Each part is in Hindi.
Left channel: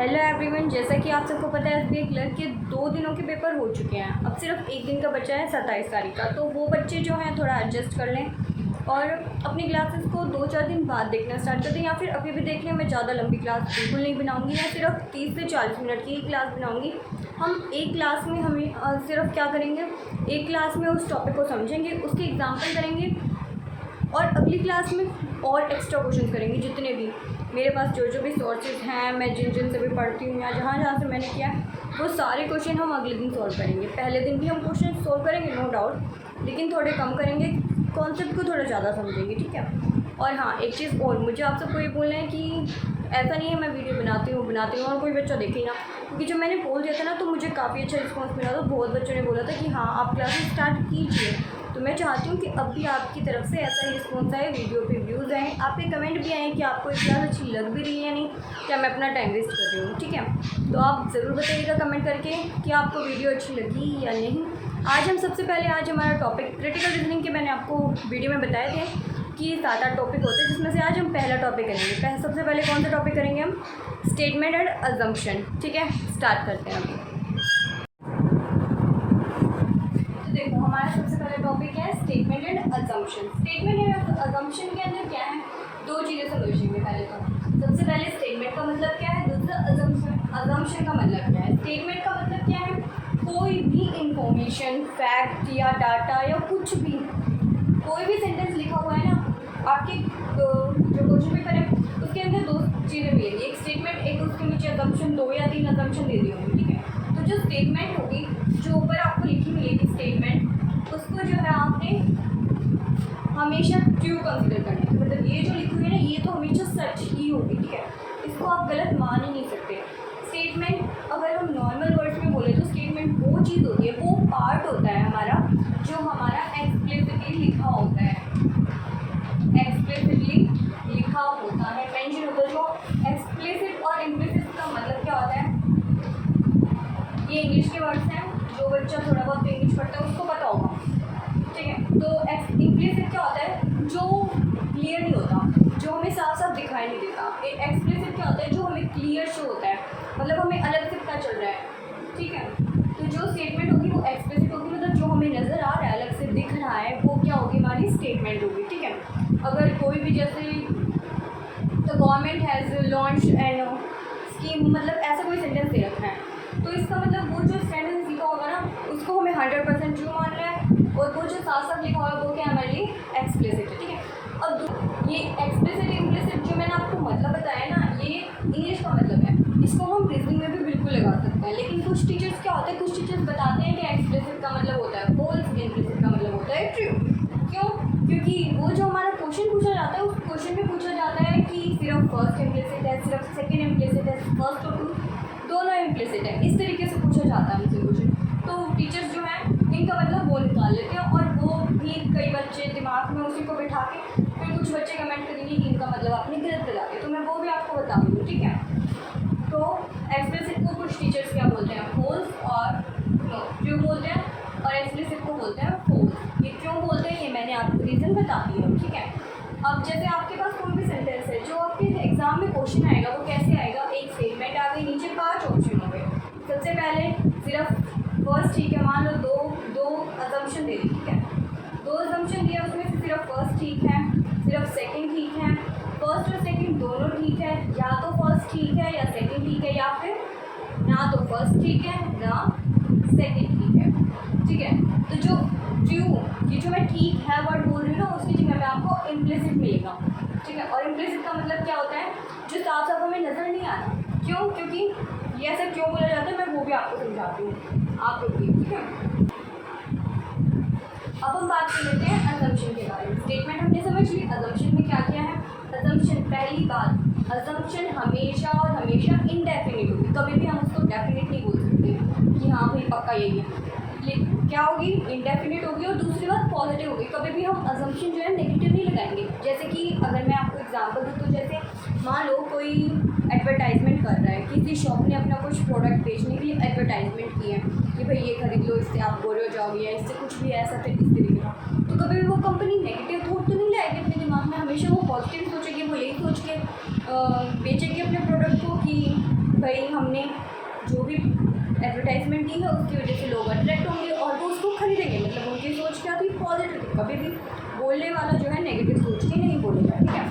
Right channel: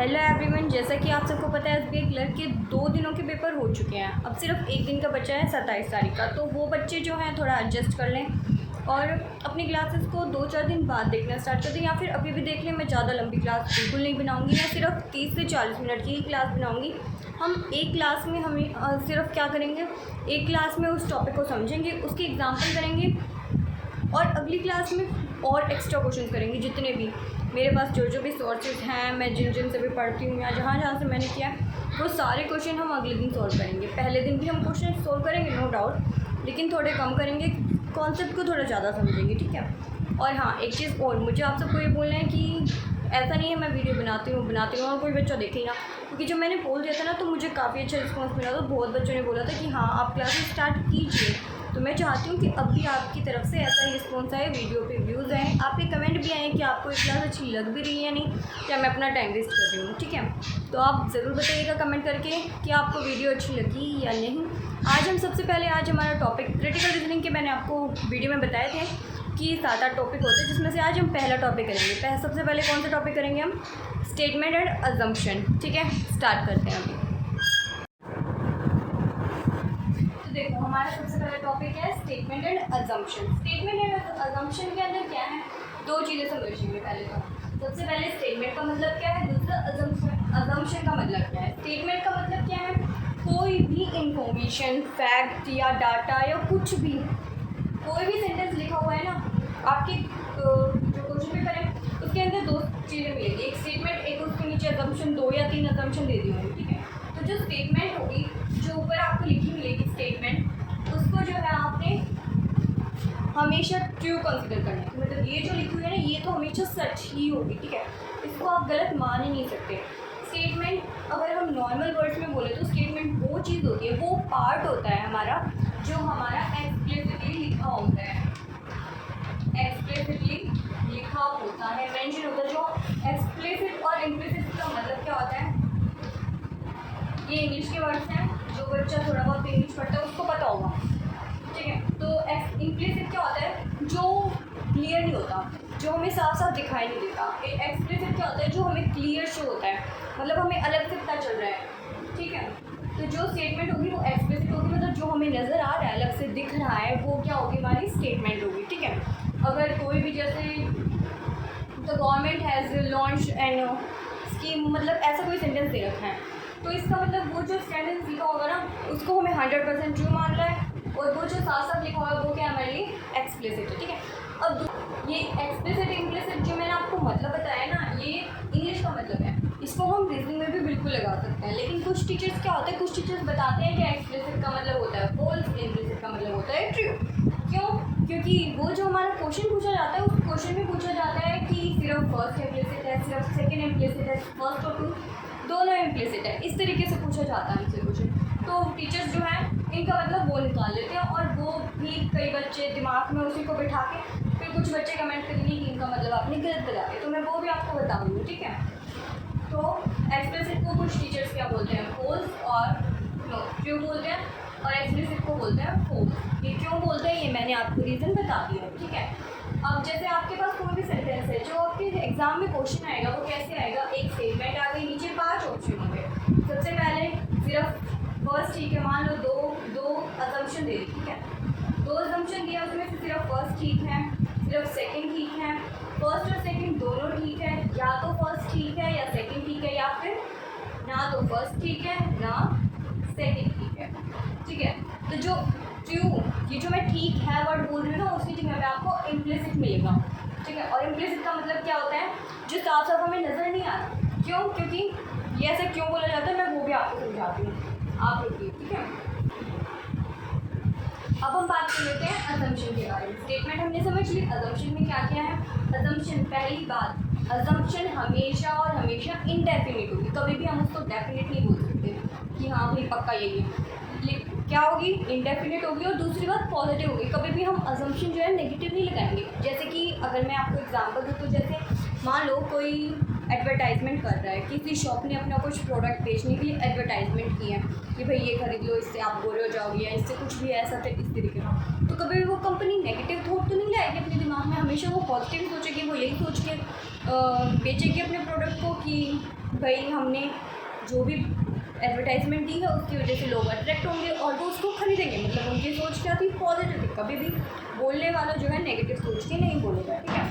हेलो एवरीवन, जैसा कि आप सबको पता है एसबीआई क्लर्क के 2 दिनों के पेपर हो चुके हैं। अब सिर्फ एक दिन का बचा है 27 तारीख का। तो वो बच्चे जो हैं थोड़ा एडजस्ट कर लें और अपनी क्लासेस को 2-4 दिन बाद देखना स्टार्ट कर दें, या फिर अभी भी देख लें। मैं ज़्यादा लंबी क्लास बिल्कुल नहीं बनाऊंगी, मैं सिर्फ 30 से 40 मिनट की क्लास बनाऊंगी। हम एक क्लास में सिर्फ क्या करेंगे, एक क्लास में उस टॉपिक को समझेंगे, उसकी एग्जाम्पल करेंगे और अगली क्लास में और एक्स्ट्रा क्वेश्चन करेंगे। जितने भी मेरे पास जो भी सोर्सेज हैं, मैं जिन से भी पढ़ती हूँ या जहाँ से मैंने किया वो सारे क्वेश्चन हम अगले दिन सॉल्व करेंगे। पहले दिन भी हम क्वेश्चन सॉल्व करेंगे नो डाउट, लेकिन थोड़े कम करेंगे, कॉन्सेप्ट को थोड़ा ज़्यादा समझेंगे, ठीक है। और हाँ, एक चीज़ और मुझे आप सबको ये बोलना है कि ऐसा नहीं है मैं वीडियो बनाती हूँ और कोई बच्चा देखे ना, क्योंकि जब मैंने बोल दिया था ना तो मुझे काफ़ी अच्छा रिस्पॉन्स मिला था। बहुत बच्चों ने बोला था कि हाँ आप क्लासेस स्टार्ट कीजिए। तो मैं चाहती हूँ कि अब भी आपकी तरफ से ऐसा ही रिस्पॉन्स आए, वीडियो पे व्यूज़ आए, आपके कमेंट भी आए कि आपको ये क्लास अच्छी लग भी रही है या नहीं, क्या मैं अपना टाइम वेस्ट कर रही हूँ, ठीक है। तो आप ज़रूर बताइएगा कमेंट करके कि आपको वीडियो अच्छी लगी या नहीं। आज हमारा टॉपिक क्रिटिकल रीजनिंग के मैंने आपको वीडियो में बताए थे कि 7-8 टॉपिक होते हैं, जिसमें से आज हम पहला टॉपिक करेंगे। सबसे पहले कौन सा टॉपिक करेंगे हम? स्टेटमेंट एंड अजम्पशन, ठीक है। स्टार्ट करते हैं अभी। देखो, हमारा सबसे पहला टॉपिक है statement and assumption. Statement and assumption के अंदर क्या है, दो चीज़ें समझेंगे। पहले तो सबसे पहले स्टेटमेंट का मतलब क्या है, दूसरा अजम्पशन का मतलब क्या है। स्टेटमेंट का मतलब क्या है, कोई भी इंफॉर्मेशन, फैक्ट या डाटा या कुछ भी, कोई भी सेंटेंस लिखा हुआ है ना आपके जो क्वेश्चन पेपर है उसके अंदर दो चीज़ें मिलेगी, एक स्टेटमेंट, एक उसके नीचे अजम्पशन, 2 या 3 अजम्पशन दे दी होंगी, ठीक है। तो जो स्टेटमेंट होगी, जो ऊपर आपको लिखी मिलेगी स्टेटमेंट, उसको जो है आपने हमेशा ट्रू कंसिडर करना है। मतलब ये जो लिखी हुई है ना, ये तो हमेशा सच ही होगी, ठीक है। इसको आप गलत मान ही नहीं सकते। स्टेटमेंट अगर हम नॉर्मल वर्ड्स में बोले तो स्टेटमेंट वो चीज़ होती है, वो पार्ट होता है हमारा, जो हमारा एक्सप्लिसिटली लिखा होता है, एक्सप्लिसिटली लिखा होता है, मेंशन होता है। जो एक्सप्लिसिट और इम्प्लिसिट का मतलब क्या होता है, ये इंग्लिश के वर्ड्स हैं, जो बच्चा थोड़ा बहुत इंग्लिश पढ़ता है उसको पता होगा, ठीक है। तो इम्प्लिसिट क्या होता है, जो क्लियर नहीं होता, जो हमें साफ साफ दिखाई नहीं देता। एक्सप्लिसिट क्या होता है, जो हमें क्लियर शो होता है, मतलब हमें अलग से पता चल रहा है, ठीक है। तो जो स्टेटमेंट होगी वो एक्सप्लिसिट होगी, मतलब जो हमें नज़र आ रहा है, अलग से दिख रहा है, वो क्या होगी, हमारी स्टेटमेंट होगी, ठीक है। अगर कोई भी जैसे the government has launch and scheme, मतलब ऐसा कोई सेंटेंस दे रखा है, तो इसका मतलब वो जो सेंटेंस लिखा होगा ना उसको हमें 100% ट्रू मान रहा है, और वो जो साथ साथ लिखा होगा वो क्या हमारे लिए एक्सप्लिसिट है, ठीक है। अब ये एक्सप्लिसिट इम्प्लिसिट जो मैंने आपको मतलब बताया ना, ये इंग्लिश का मतलब है, इसको हम रीजनिंग में भी बिल्कुल लगा सकते हैं। लेकिन कुछ टीचर्स क्या होते हैं, कुछ टीचर्स बताते हैं कि एक्सप्लिसिट का मतलब होता है फॉल्स, इम्प्लिसिट का मतलब होता है ट्रू। क्यों? क्योंकि वो जो हमारा क्वेश्चन पूछा जाता है, उस क्वेश्चन में पूछा जाता है कि सिर्फ फर्स्ट इम्प्लिसिट है, सिर्फ सेकेंड इम्प्लिसिट है, फर्स्ट और टू दोनों इम्प्लिसिट है, इस तरीके से पूछा जाता है हमसे क्वेश्चन। तो टीचर्स जो हैं इनका मतलब वो निकाल लेते हैं, और वो भी कई बच्चे दिमाग में उसी को बिठा के, फिर कुछ बच्चे कमेंट करेंगे कि इनका मतलब आपने गलत बता दिया, तो मैं वो भी आपको बताऊँगी, ठीक है। तो एक्सप्लिसिट को कुछ टीचर्स क्या बोलते हैं, फॉल्स, और ट्रू बोलते हैं, और एक्सप्लिसिट को बोलते हैं फॉल्स। ये क्यों बोलते हैं ये मैंने आपको रीज़न बता दिया, ठीक है। अब जैसे आपके पास कोई भी सेंटेंस है, जो आपके एग्जाम में क्वेश्चन आएगा वो कैसे आएगा, एक स्टेटमेंट आ गई, नीचे 5 ऑप्शन होंगे। सबसे पहले सिर्फ फर्स्ट, ठीक है, मान लो दो अजम्पशन दे दी, ठीक है, 2 अजम्पशन दिया, उसमें से सिर्फ फर्स्ट ठीक है, सिर्फ सेकंड ठीक है, फर्स्ट और सेकंड दोनों ठीक है, या तो फर्स्ट ठीक है या सेकंड ठीक है, या फिर ना तो फर्स्ट ठीक है ना सेकंड ठीक है, ठीक है। तो जो ट्रू, ये जो मैं ठीक है वर्ड बोल रही हूँ ना, उसकी जगह पे आपको इम्प्लिसिट मिलेगा, ठीक है। और इम्प्लिसिट का मतलब क्या होता है, जो साफ साफ हमें नज़र नहीं आ रहा। क्यों? क्योंकि ये ऐसा क्यों बोला जाता है, मैं वो भी आपको समझाती हूँ, आप रुकिए, ठीक है। अब हम बात कर लेते हैं अजम्पशन के बारे में। स्टेटमेंट हमने समझ ली, अजम्पशन में क्या किया है। अजम्पशन, पहली बात, अजम्पशन हमेशा और हमेशा इनडेफिनिट होगी, कभी भी हम उसको डेफिनेट नहीं बोल सकते कि हाँ भाई पक्का यही है। क्या होगी, इंडेफिनिट होगी। और दूसरी बात पॉजिटिव होगी, कभी भी हम अजम्पशन जो है नेगेटिव नहीं लगाएंगे। जैसे कि अगर मैं आपको एग्जांपल दूँ तो जैसे मान लो कोई एडवर्टाइजमेंट कर रहा है, किसी शॉप ने अपना कुछ प्रोडक्ट बेचने की एडवर्टाइजमेंट की है कि भाई ये खरीद लो, इससे आप गोरे हो जाओगे, या इससे कुछ भी ऐसा इस तरीके का। तो कभी भी वो कंपनी नेगेटिव थॉट तो नहीं लाएगी अपने दिमाग में, हमेशा वो पॉजिटिव सोचेगी, वो यही सोच के बेचेगी अपने प्रोडक्ट को कि भाई हमने जो भी एडवर्टाइजमेंट दी है उसकी वजह से लोग अट्रैक्ट होंगे और वो उसको खरीदेंगे। मतलब उनकी सोच क्या थी, पॉजिटिव। कभी भी बोलने वाला जो है नेगेटिव सोच के नहीं बोलेगा, ठीक है।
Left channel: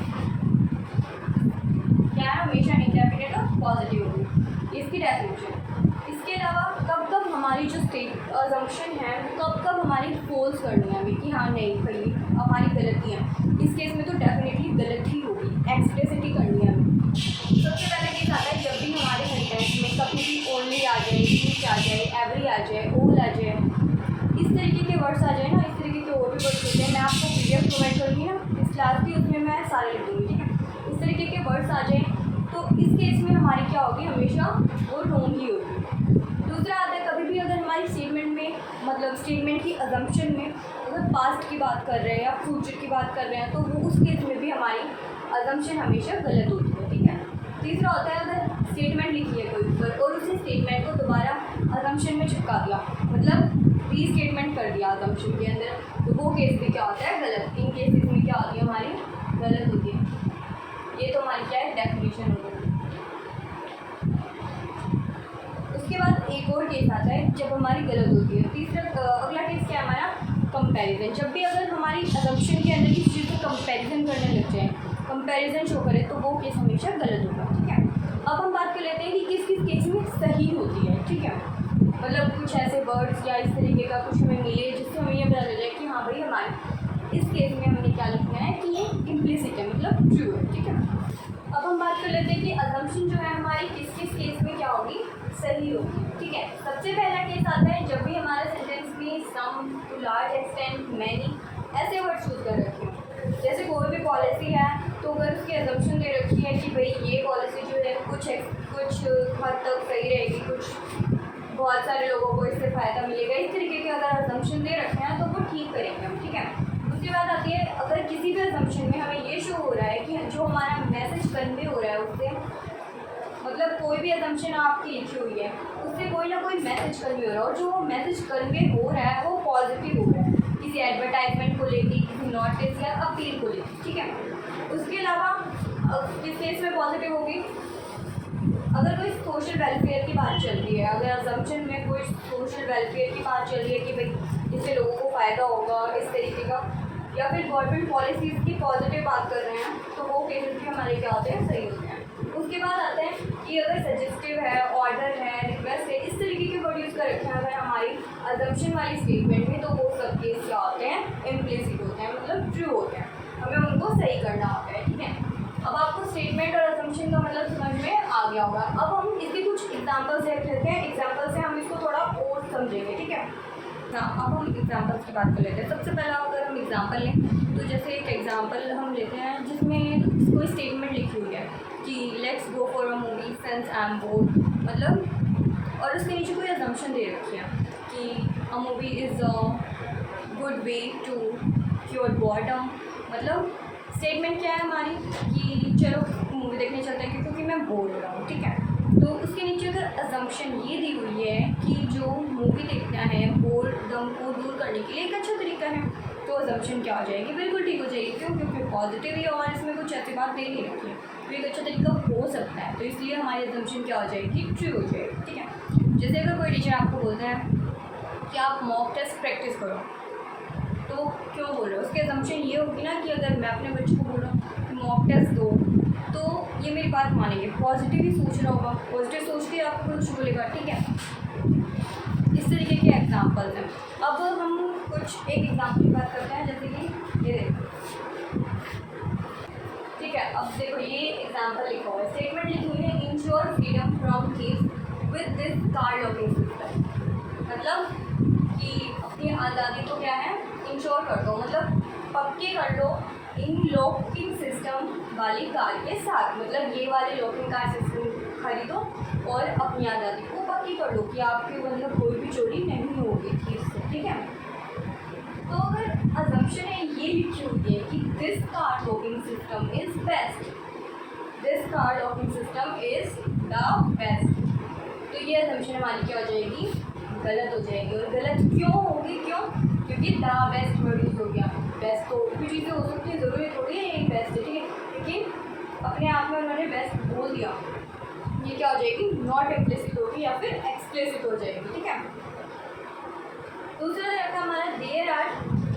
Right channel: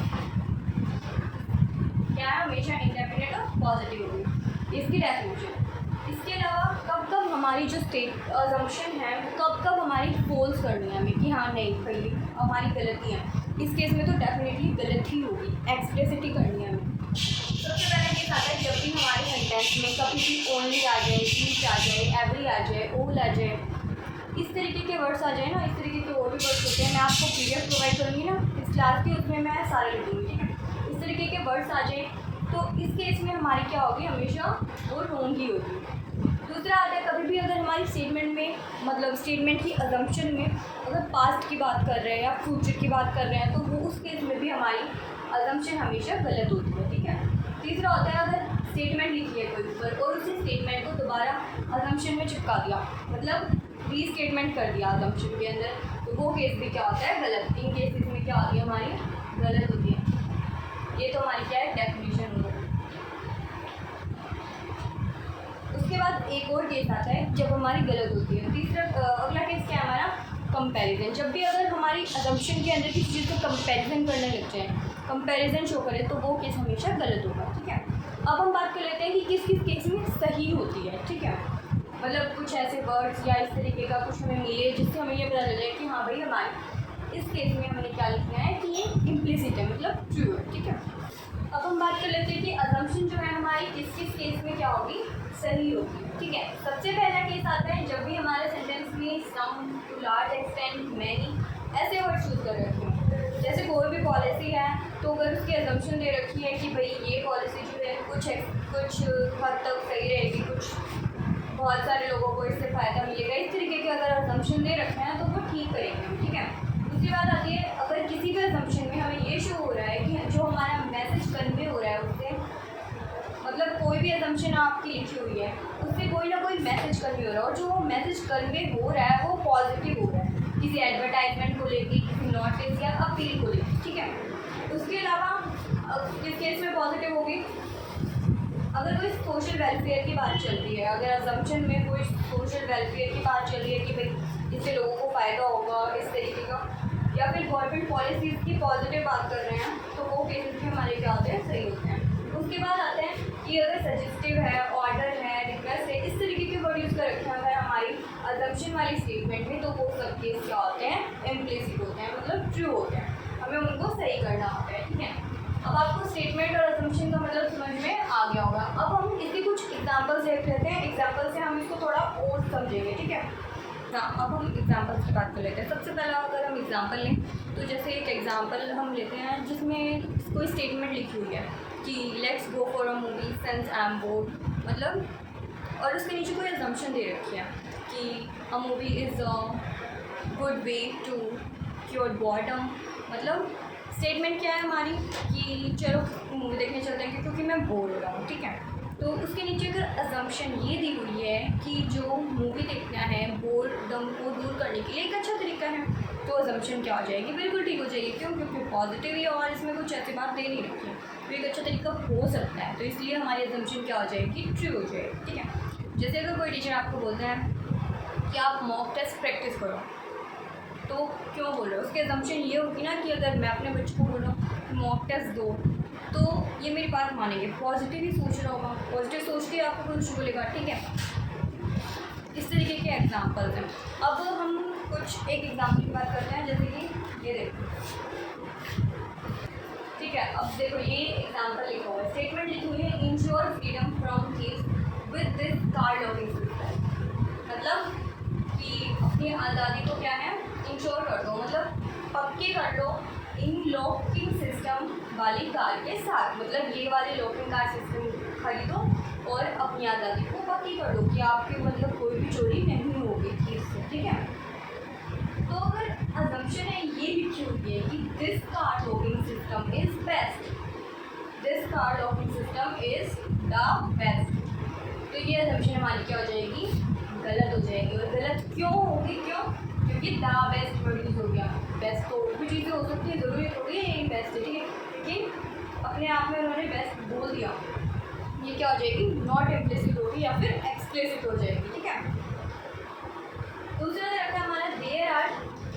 क्या है, हमेशा इंडेफिनिट और पॉजिटिव होगी इसकी डेफिनेशन। इसके अलावा कब कब हमारी जो स्टेट अजम्पशन है कब कब हमारी फॉल्स करनी है हमें कि हाँ नहीं भाई हमारी गलती है, इस केस में तो डेफिनेटली गलत ही होगी, एक्सप्लिसिटी करनी है हमें। सबसे पहले केस आता है जब भी हमारे सेंटेंस में कभी भी ओनली आ जाए, ईच आ जाए, एवरी आ जाए, ऑल आ जाए, इस तरीके के वर्ड्स आ जाए ना, इस तरीके के और भी वर्ड्स होते हैं। मैं आपको PDF प्रोवाइड करूँगी ना इस क्लास की, उसमें मैं सारे लिख दूँगी, ठीक है। इस तरीके के वर्ड्स आ जाए तो इस केस में हमारी क्या होगी, हमेशा वो रॉन्ग ही होगी। दूसरा आता है कभी भी अगर हमारी स्टेटमेंट में मतलब स्टेटमेंट की अजम्पशन में अगर पास्ट की बात कर रहे हैं या फ्यूचर की बात कर रहे हैं तो वो उस केस में भी हमारी अजम्पशन हमेशा गलत होती है, ठीक है। तीसरा होता है अगर स्टेटमेंट लिखी है कोई ऊपर और उसी स्टेटमेंट को दोबारा अजम्पशन में चिपका दिया, मतलब रीस्टेटमेंट कर दिया अजम्पशन के अंदर, तो वो केस भी क्या होता है, गलत। इन केसेस में क्या होती है, हमारी गलत होती है। ये तो हमारी क्या है, डेफिनेशन हो गई। उसके बाद एक और केस आता है जब हमारी गलत होती है। तीसरा अगला केस क्या है हमारा, कंपैरिजन। जब भी अगर हमारी अजम्पशन के अंदर किसी चीज़ को कंपैरिजन करने लग जाए, कंपैरिजन शो करे, तो वो केस हमेशा गलत होगा, ठीक है। अब हम बात कर लेते हैं कि किस किस केस में सही होती है, ठीक है। मतलब कुछ ऐसे वर्ड्स या इस तरीके का कुछ हमें मिले जिससे हमें ये पता चल जाए कि हाँ भाई हमारे इस केस में हमें क्या लिखना है कि ये इम्प्लिसिट है, मतलब ट्रू है, ठीक है। अब हम बात कर लेते हैं कि अजम्पशन जो है हमारी किस किस केस में क्या होगी, सही होगी, ठीक है। सबसे पहला केस आता है जब भी हमारे सेंटेंस में सम, टू लार्ज एक्सटेंट, मैनी ऐसे वर्ड यूज कर रखे हैं। जैसे कोई भी पॉलिसी है तो अगर उसकी अजम्पशन दे रखी है कि भाई ये पॉलिसी जो है कुछ हद तक सही रहेगी, कुछ बहुत सारे लोगों को इससे फ़ायदा मिलेगा, इस तरीके के अगर अजम्पशन दे रखे हैं तो वो ठीक करेंगे हम, ठीक है। उसके बाद आती है अगर किसी भी अजम्पशन में हमें ये शो हो रहा है कि जो हमारा मैसेज कन्वे हो रहा है उससे, मतलब कोई भी अजम्पशन आपकी लिखी हुई है उससे कोई ना कोई मैसेज कन्वे हो रहा है और जो वो मैसेज कन्वे हो रहा है वो पॉजिटिव हो रहा है, किसी एडवर्टाइजमेंट को लेके, किसी नोटिस या अपील को लेके, ठीक है। उसके अलावा किस केस में पॉजिटिव होगी, अगर कोई सोशल वेलफेयर की बात चल रही है, अगर अजम्पशन में कोई सोशल वेलफेयर की बात चल रही है कि भाई इससे लोगों को फ़ायदा होगा इस तरीके का, या फिर गवर्नमेंट पॉलिसीज़ की पॉजिटिव बात कर रहे हैं, तो वो केसेस भी हमारे क्या होते हैं, सही होते हैं। उसके बाद आते हैं कि अगर सजेस्टिव है, ऑर्डर है, रिक्वेस्ट है, इस तरीके के वर्ड यूज़ कर रखे हैं अगर हमारी अजम्पशन वाली स्टेटमेंट में, तो वो सब केस क्या होते हैं, इम्प्लिसिट होते हैं, मतलब ट्रू होते हैं, हमें उनको सही करना होता है, ठीक है। अब आपको स्टेटमेंट और अजम्पशन का मतलब समझ में आ गया होगा। अब हम इसके कुछ एग्जांपल्स देख लेते हैं, एग्जांपल से हम इसको थोड़ा और समझेंगे, ठीक है ना। अब हम एग्जांपल्स की बात कर लेते हैं। सबसे पहला अगर हम एग्जांपल लें तो जैसे एक एग्जांपल हम लेते हैं जिसमें कोई स्टेटमेंट लिखी हुई है कि let's go for a movie since I am board, मतलब और उसके नीचे कोई अजम्पशन दे रखी है कि a movie is a good way to cure boredom, मतलब स्टेटमेंट क्या है हमारी कि चलो मूवी देखने चलते हैं क्योंकि मैं बोर हो रहा हूँ, ठीक है। तो उसके नीचे अगर अजम्पशन ये दी हुई है कि जो मूवी देखना है बोरडम को दूर करने के लिए एक अच्छा तरीका है, तो अजम्पशन क्या हो जाएगी, बिल्कुल ठीक हो जाएगी। क्यों, क्योंकि पॉजिटिव ही और इसमें कुछ ऐसी बात दे नहीं रखी है, तो एक अच्छा तरीका हो सकता है, तो इसलिए हमारी अजम्पशन क्या हो जाएगी, ट्रू हो जाएगी, ठीक है। जैसे अगर कोई टीचर आपको बोलते हैं कि आप मॉक टेस्ट प्रैक्टिस करो, तो क्यों बोल रहे हो, उसकी अजम्पशन ये होगी ना कि अगर मैं अपने बच्चों को बोल रहा हूँ कि मॉक टेस्ट दो तो ये मेरी बात मानेंगे, पॉजिटिव ही सोच रहा होगा, पॉजिटिव सोच के आपको कुछ बोलेगा, ठीक है। इस तरीके के एग्जांपल्स हैं। अब हम कुछ एक एग्जांपल की बात करते हैं, जैसे कि ये देखो, ठीक है। अब देखो ये एग्जांपल लिखा हुआ है, स्टेटमेंट लिखी हुई है ensure freedom from thieves with this card locking system, मतलब कि अपनी आज़ादी को क्या है, इंश्योर कर दो, मतलब पक्के कर लो इन लॉकिंग सिस्टम वाली कार के साथ, मतलब ये वाले लॉकिंग कार सिस्टम खरीदो और अपनी आज़ादी को पक्की कर दो कि आपके मतलब कोई भी चोरी नहीं होगी चीज़ से, ठीक है। तो अगर अजम्पशन है ये लिखी हुई है कि this car locking system is best, this car locking system is the best, तो ये अजम्पशन हमारी क्या हो जाएगी, गलत हो जाएगी। और गलत क्यों होगी, क्यों, क्योंकि द बेस्ट वर्ड यूज हो गया। बेस्ट तो भी चीज़ें हो सकती है, ज़रूरी थोड़ी है ये बेस्ट है, ठीक है, क्योंकि अपने आप में उन्होंने बेस्ट बोल दिया, ये क्या हो जाएगी, नॉट इम्प्लिसिट होगी या फिर एक्सप्लिसिट हो जाएगी, ठीक है। दूसरा रखा हमारा देयर आर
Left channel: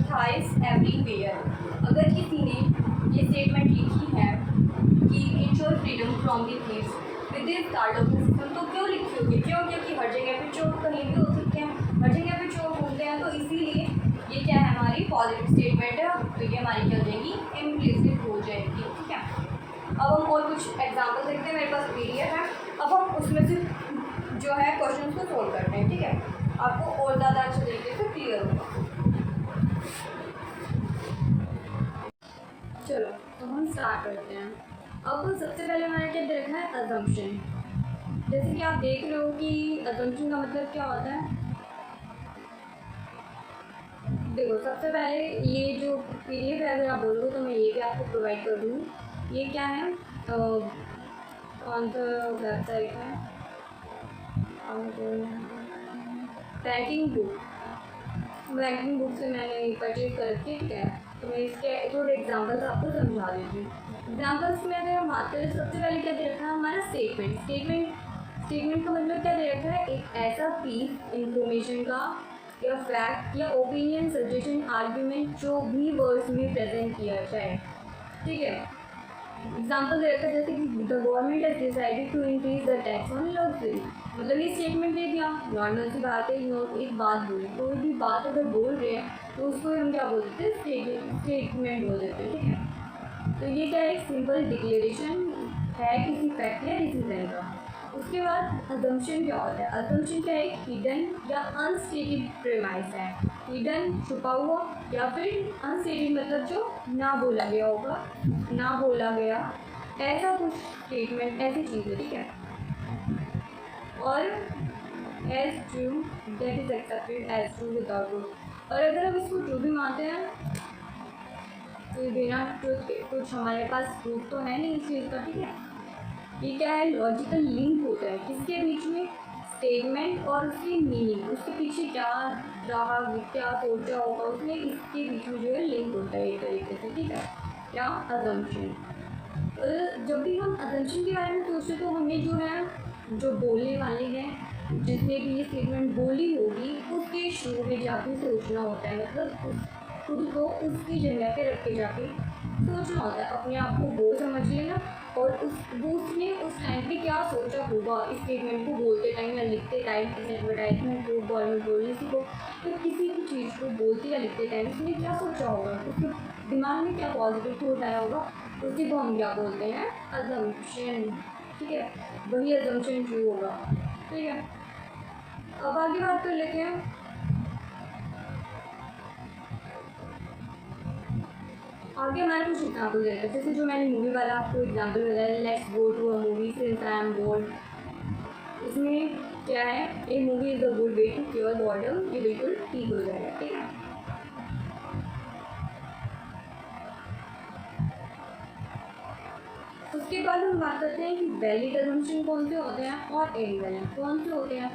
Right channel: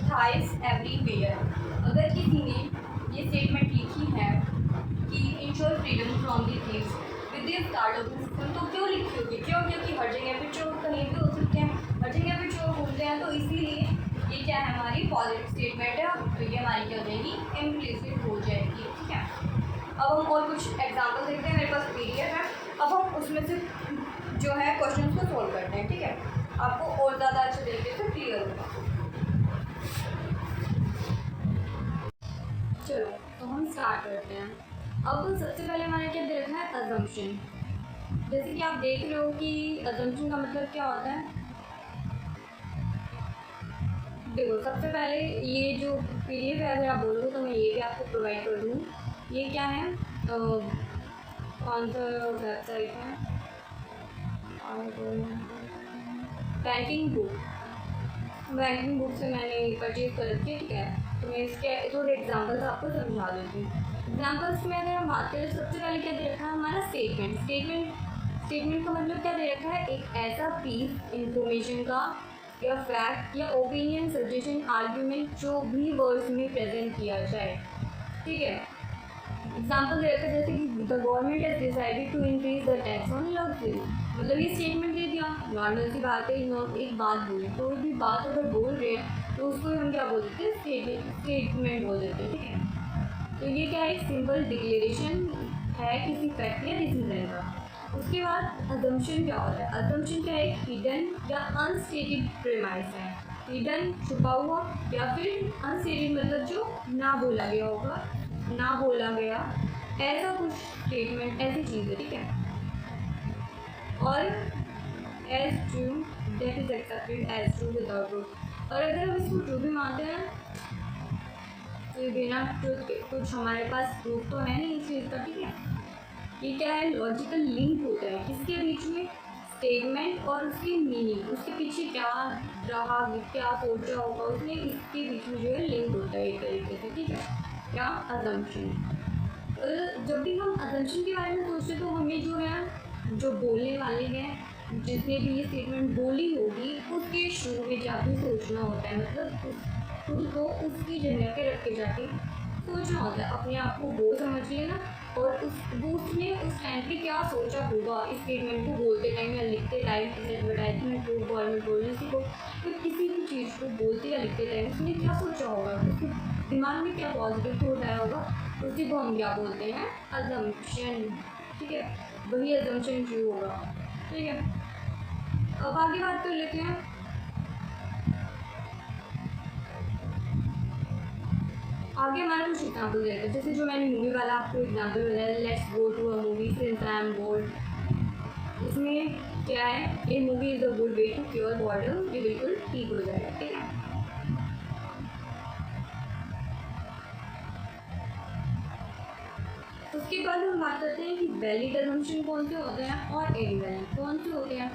थाइस एवरीवेयर। अगर किसी ने ये स्टेटमेंट लिखी है कि ensure freedom from the thieves with this card of the system, तो क्यों लिखी होगी, क्योंकि हर जगह पे चोर कहीं भी हो सकते हैं, हर जगह पे चोर घूमते हैं, तो इसीलिए ये क्या है हमारी पॉजिटिव स्टेटमेंट है, तो ये हमारी क्या हो जाएगी, इम्प्लिसिट हो जाएगी, ठीक है। अब हम और कुछ एग्जाम्पल देखते हैं, मेरे पास PDF है, अब हम उसमें से जो है क्वेश्चन को सोल्व करते हैं, ठीक है, आपको और ज़्यादा अच्छे तरीके से क्लियर होगा। चलो तो हम स्टार्ट करते हैं। अब सबसे पहले हमारा क्या दे रखा है, अजम्पशन। जैसे कि आप देख रहे हो कि अजम्पशन का मतलब क्या होता है। देखो सबसे पहले ये जो PDF है, अगर आप बोलोगे तो मैं ये भी आपको प्रोवाइड कर दूँ। ये क्या है, कौन सा वेबसाइट है, बैंकिंग बुक से मैंने परचेज कर रखी है, ठीक है। तो मैं इसके थोड़े एग्जांपल्स आपको समझा देती हूँ। एग्जांपल्स में अगर हम बात करें, सबसे पहले क्या दे रखा है हमारा स्टेटमेंट का मतलब क्या दे रखा है, एक ऐसा पीस इंफॉर्मेशन का या फैक्ट या ओपिनियन, सजेशन, आर्ग्यूमेंट जो भी वर्ड्स में प्रेजेंट किया जाए, ठीक है। एग्जाम्पल दे रखा है जैसे कि the government has decided to increase the tax on luxury, मतलब ये स्टेटमेंट दे दिया, नॉर्मल सी बात है, एक बात बोली, कोई भी बात अगर बोल रहे हैं तो उसको हम क्या बोल देते हैं, स्टेटमेंट बोल देते हैं, ठीक है। तो ये क्या है, एक सिंपल डिक्लेरेशन है किसी फैक्ट या डिसीजन का। उसके बाद अजम्पशन क्या होता है, अजम्पशन क्या है, हिडन या अनस्टेटेड प्रेमाइस है, हिडन छुपा हुआ, या फिर अनस्टेटेड मतलब जो ना बोला गया होगा, ना बोला गया ऐसा कुछ स्टेटमेंट, ऐसी चीज़ है, ठीक है। और as true that is accepted as true without proof, और अगर हम इसको ट्रू भी मानते हैं तो बिना ट्रूथ के कुछ हमारे पास प्रूफ तो है नहीं इस चीज़ का, ठीक है। ये क्या है, लॉजिकल लिंक होता है किसके बीच में, स्टेटमेंट और उसकी मीनिंग, उसके पीछे क्या रहा, क्या सोचा होगा उसने, इसके बीच में जो है लिंक होता है एक तरीके से, ठीक है। या अजम्पशन, जब भी हम अजम्पशन के बारे में सोचते तो हमें जो है, जो बोलने वाले हैं, जिसने भी ये स्टेटमेंट बोली होगी उसके शुरू में जाके सोचना होता है, मतलब खुद को उसकी जगह पे रख के जाके सोचना होता है, अपने आप को वो समझ लेना, और उसने उस टाइम पे क्या सोचा होगा इस स्टेटमेंट को बोलते टाइम या लिखते टाइम, एडवर्टाइजमेंट को, गवर्नमेंट पॉलिसी को, तो किसी भी चीज़ को बोलते या लिखते टाइम उसने क्या सोचा होगा, उसके दिमाग में क्या पॉजिटिव थॉट आया होगा, उसी को हम क्या बोलते हैं, अजम्पशन, ठीक है। वही अजम्पशन ट्रू होगा, ठीक है। अब आगे बात कर लेते हैं। आगे हमारे कुछ एग्जाम्पल देते हैं, जैसे जो मैंने मूवी वाला आपको एग्जाम्पल बताया, let's go to a movie since I am bored. इसमें क्या है, a movie is a good way to cure boredom, ये बिल्कुल ठीक हो जाएगा, ठीक है। उसके बाद हम बात करते हैं कि वैलिड अजम्पशन कौन से होते हैं और इनवैलिड कौन से होते हैं।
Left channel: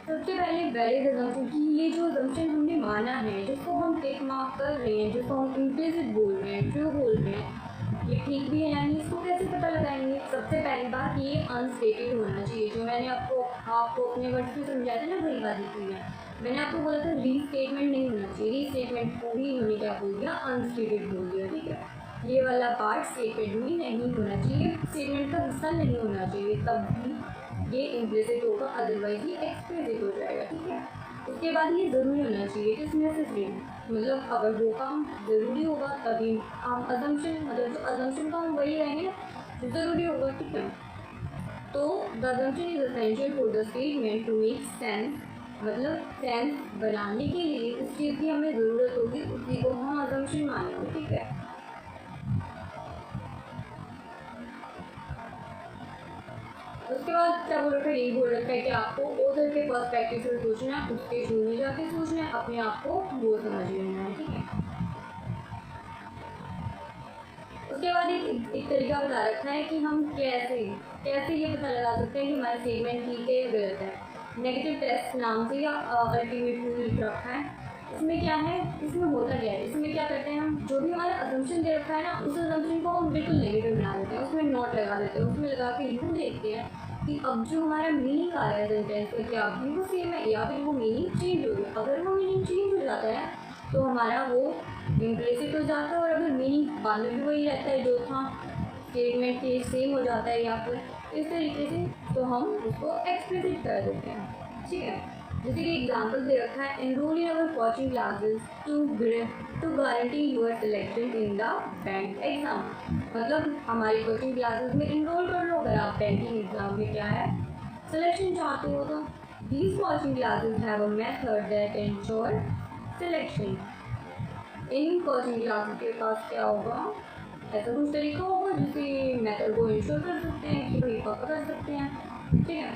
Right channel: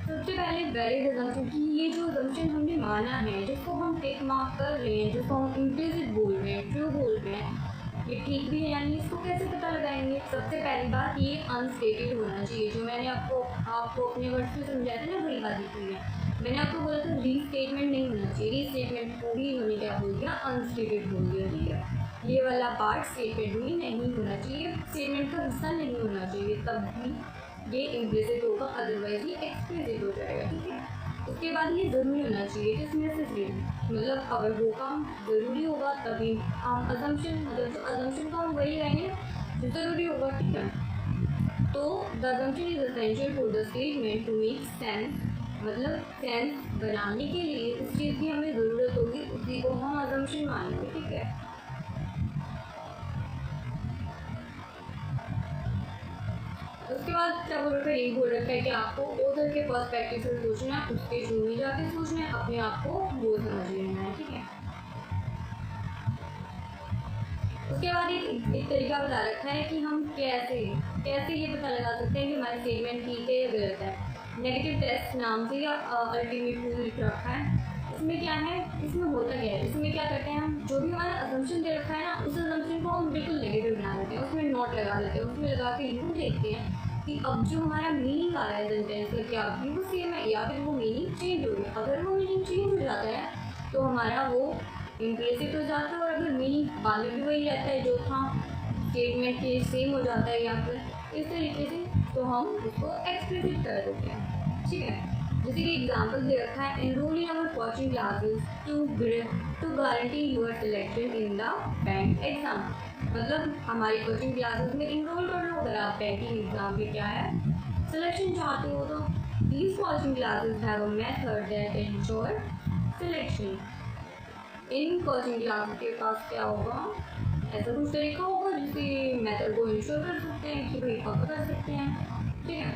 सबसे पहले वैलिड अजम्पशन की, ये जो अजम्पशन हमने माना है, जिसको हम टिक मार्क कर रहे हैं, जिसको हम इम्प्लिसिट बोल रहे हैं, ट्रू बोल रहे हैं, ये ठीक भी है यानी, इसको कैसे पता लगाएंगे। सबसे पहली बात, ये अनस्टेटेड होना चाहिए, जो मैंने आपको अपने वर्ड्स में समझाया था ना, वही बात लिखी है। मैंने आपको बोला था रीस्टेटमेंट नहीं होना चाहिए, रीस्टेटमेंट पूरी इन्होंने क्या बोल दिया, अनस्टेटेड बोल दिया, ठीक है। ये वाला पार्ट स्टेटमेंट में नहीं होना चाहिए, स्टेटमेंट का हिस्सा नहीं होना चाहिए, तब भी ये इम्प्लिसिट होगा, अदरवाइज ये एक्सप्लिसिट हो जाएगा, ठीक है। उसके बाद ये ज़रूरी होना चाहिए, किसमें से फ्री, मतलब अगर वो काम ज़रूरी होगा तभी हम अजम्पशन, मतलब जो अजम्पशन का हम वही रहेंगे जो ज़रूरी होगा, ठीक है। तो the assumption is essential for the statement to make sense, मतलब सेंस बनाने के लिए उस चीज़ की हमें ज़रूरत होगी, उसी को हम अजम्पशन मानेंगे, ठीक है। उसके बाद क्या बोल रखा है, ये बोल रखा है कि आपको ऑथर के पर्सपेक्टिव से सोचना है, उसके थ्रू में जाके सोचना है, अपने आप को वो समझ लेना है, ठीक है। उसके बाद एक तरीका बता रखा है कि हम कैसे ये पता लगा सकते हैं कि हमारा स्टेटमेंट ठीक है या गलत है। नेगेटिव टेस्ट नाम से या अल्टीमेट प्रूफ लिख रखा है। इसमें क्या है, इसमें होता क्या है, इसमें क्या करते हैं हम, जो भी हमारा अजम्पशन दे रखा है ना, उस अजम्पशन को हम बिल्कुल नेगेटिव बना देते हैं, उसमें नोट लगा देते हैं, उसमें लगा के यूँ देखते हैं कि अब जो हमारा मीनिंग आ रहा है सेंटेंस का क्या अभी वो सेम है या फिर वो मीनिंग चेंज हो गया। अगर वो मीनिंग चेंज हो जाता है तो हमारा वो इम्प्लिसिट हो जाता है, और अगर मीनिंग बाद में भी वही रहता है जो था स्टेटमेंट के सेम हो जाता है या फिर इस तरीके से, तो हम उसको एक्सप्लिसिट कर देते हैं। ठीक है, जैसे कि एग्जाम्पल दे रखा है, enrol in our coaching classes to guarantee your selection in the bank exam. मतलब हमारी कोचिंग क्लासेस में इनरोल कर लो अगर आप बैंकिंग एग्जाम में क्या है सिलेक्शन चाहते हो तो। These coaching classes have a method that ensure selection. In coaching classes के पास क्या होगा, ऐसा कुछ तरीका होगा जिससे मेथड को इंश्योर कर सकते हैं कि भाई पक्का कर सकते हैं। ठीक है,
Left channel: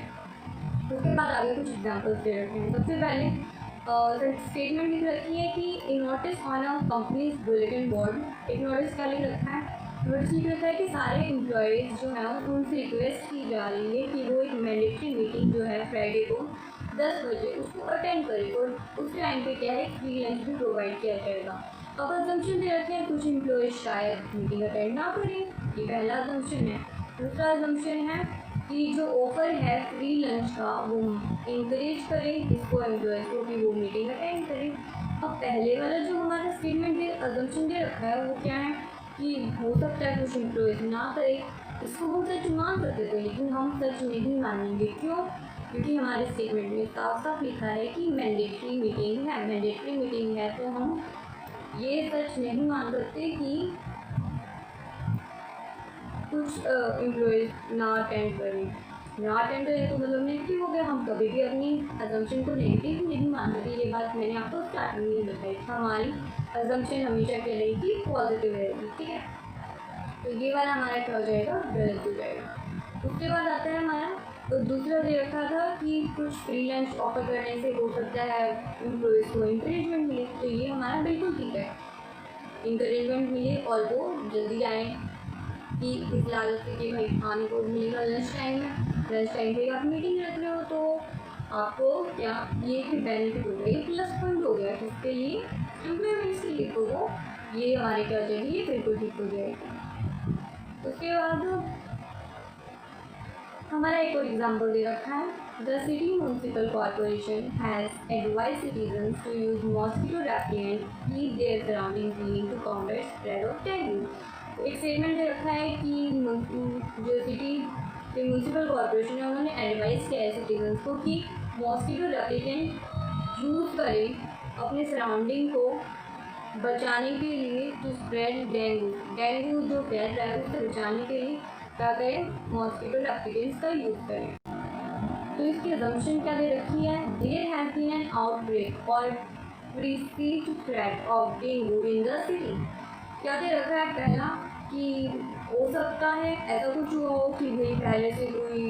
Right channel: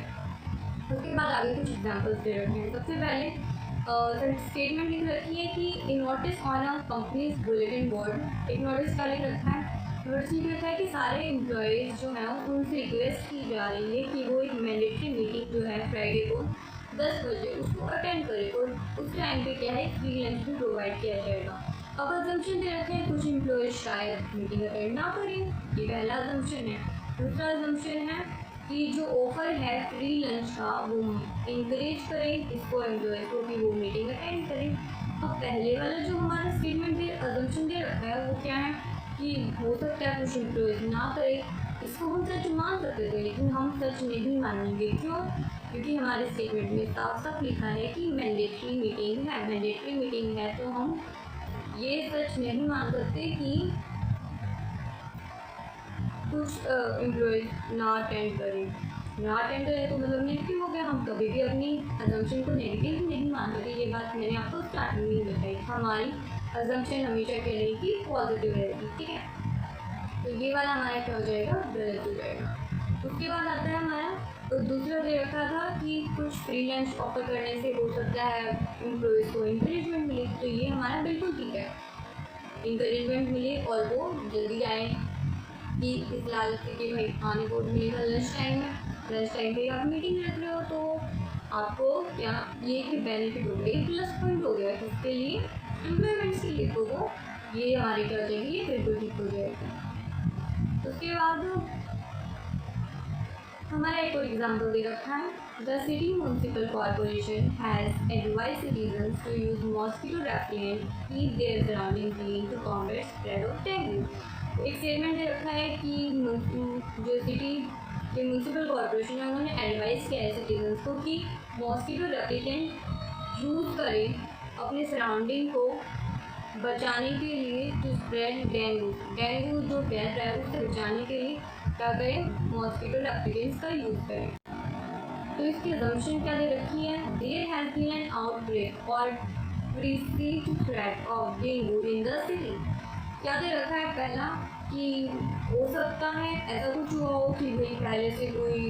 उसके बाद आगे कुछ एग्जाम्पल्स दे रखे हैं। सबसे पहले स्टेटमेंट लिख रखी है कि इन notice on a companies bulletin board. एक नोटिस क्या लिख रखा है, नोटिस लिख रखा है कि सारे एम्प्लॉयज़ जो हैं उनसे रिक्वेस्ट की जा रही है कि वो एक मैंडेटरी मीटिंग जो है फ्राइडे को 10 बजे उसको अटेंड करें, और उस टाइम पे क्या है फ्री लंच भी प्रोवाइड किया जाएगा। अब अजम्पशन दे रखे हैं कुछ एम्प्लॉयज़ शायद मीटिंग अटेंड ना करें, ये पहला अजम्पशन है। दूसरा अजम्पशन है कि जो ऑफर है फ्री लंच का वो इंकरेज करें इसको एम्प्लॉयज़ को कि वो मीटिंग अटेंड करें। अब पहले वाला जो हमारा स्टेटमेंट दे अजम्पशन दे रखा है वो क्या है कि हो सकता है कुछ एम्प्लॉयज़ ना करें, इसको हम सच मान सकते थे लेकिन हम सच नहीं मानेंगे। क्यों? क्योंकि हमारे स्टेटमेंट में साफ साफ लिखा है कि मैंडेटरी मीटिंग है, मैंडेटरी मीटिंग है, तो हम ये सच नहीं मान सकते कि कुछ एम्प्लॉयज़ ना अटेंड करें। ना अटेंड करें तो मतलब नेगेटिव हो गया, हम कभी भी अपनी अजम्पशन को नेगेटिव नहीं मान सकते। ये बात मैंने आपको स्टार्टिंग में बताई, हमारी अजम्पशन हमेशा क्या रहेगी, पॉजिटिव रहेगी। ठीक है, तो ये वाला हमारा क्या हो जाएगा, गलत हो जाएगा। उसके बाद आता है हमारा तो दूसरा दे रखा था कि कुछ फ्री लंच ऑफर करने से हो सकता है एम्प्लॉयज़ को इंकरेजमेंट मिले, तो ये हमारा बिल्कुल ठीक है, इंकरेजमेंट मिले और वो जल्दी आए कि इस लालच से कि भाई खाने को मिलेगा लंच टाइम में, लंच टाइम पे आप मीटिंग रख रहे हो तो आपको क्या ये एक बेनिफिट हो गया, प्लस पॉइंट हो गया किसके लिए, एम्प्लॉयमेंट्स के लिए, तो वो ये हमारे क्या हो जाएगी, ये बिल्कुल ठीक हो जाएगी। उसके बाद हमारा एक और एग्जाम्पल दे रखा है, the city municipal corporation has advise citizens to use mosquito repellent, keep their surrounding clean to combat spread of dengue. एक स्टेटमेंट दे रखा है कि जो सिटी के म्यूनसिपल कॉरपोरेशन है उन्होंने एडवाइस किया है सिटीजन्स को कि मॉस्किटो रेपेलेंट यूज़ करें अपने सराउंडिंग को बचाने के लिए, टू स्प्रेड डेंगू, डेंगू जो फैल रहा है उससे बचाने के लिए क्या करें, मॉस्किटो रेपेलेंट्स का यूज़ करें। तो इसकी अजम्पशन क्या दे रखी है, there has been an outbreak or perceived threat of dengue in the city. क्या दे रखा है, पहला कि हो सकता है ऐसा कुछ हुआ हो कि भाई पहले से कोई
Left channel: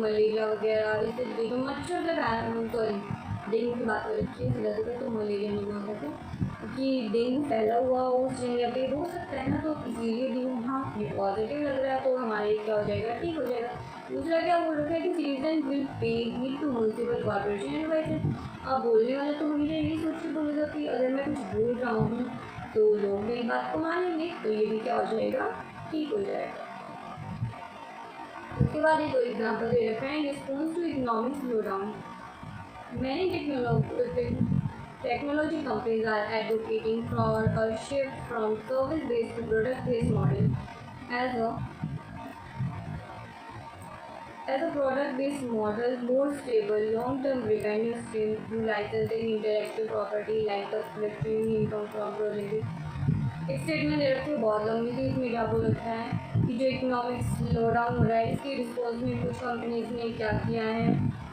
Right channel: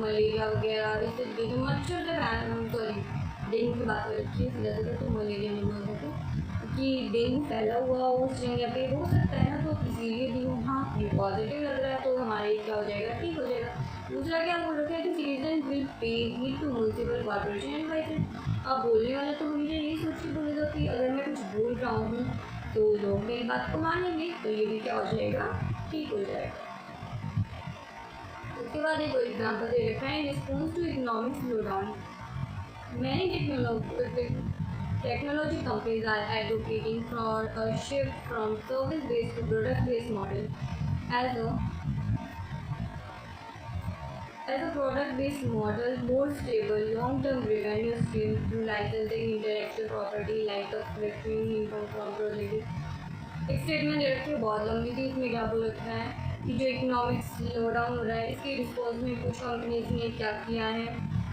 मलेरिया वगैरह इससे तो मच्छर से सॉरी डेंगू की बात हो रखी है, ज़्यादातर तो मलेरिया नहीं बोल सकते कि डेंगू फैला हुआ हो उस जगह पे, हो सकता है ना, तो इसीलिए भी हाँ ये पॉजिटिव लग रहा है तो हमारे क्या हो जाएगा, ठीक हो जाएगा। दूसरा क्या बोल रखा है कि citizen will pay heed to municipal corporation invited. अब बोलने वाला तो हमेशा यही सोच के बोलेगा कि अगर मैं कुछ बोल रहा हूँ तो लोग मेरी बात को मानेंगे, तो ये भी क्या हो जाएगा, ठीक हो जाएगा। उसके बाद एक और एग्जाम्पल दे रखा है, response to economic slow down, many technology companies are advocating for a shift from service-based to product-based model. As a product-based model, more stable, long-term revenue streams through licensing intellectual property like a fluctuating income from projects. एक स्टेटमेंट दे रखी है बहुत लंबी थी, इसमें क्या बोल रखा है कि जो इकोनॉमिक स्लो डाउन हो रहा है इसके रिस्पॉन्स में कुछ कंपनीज ने क्या किया है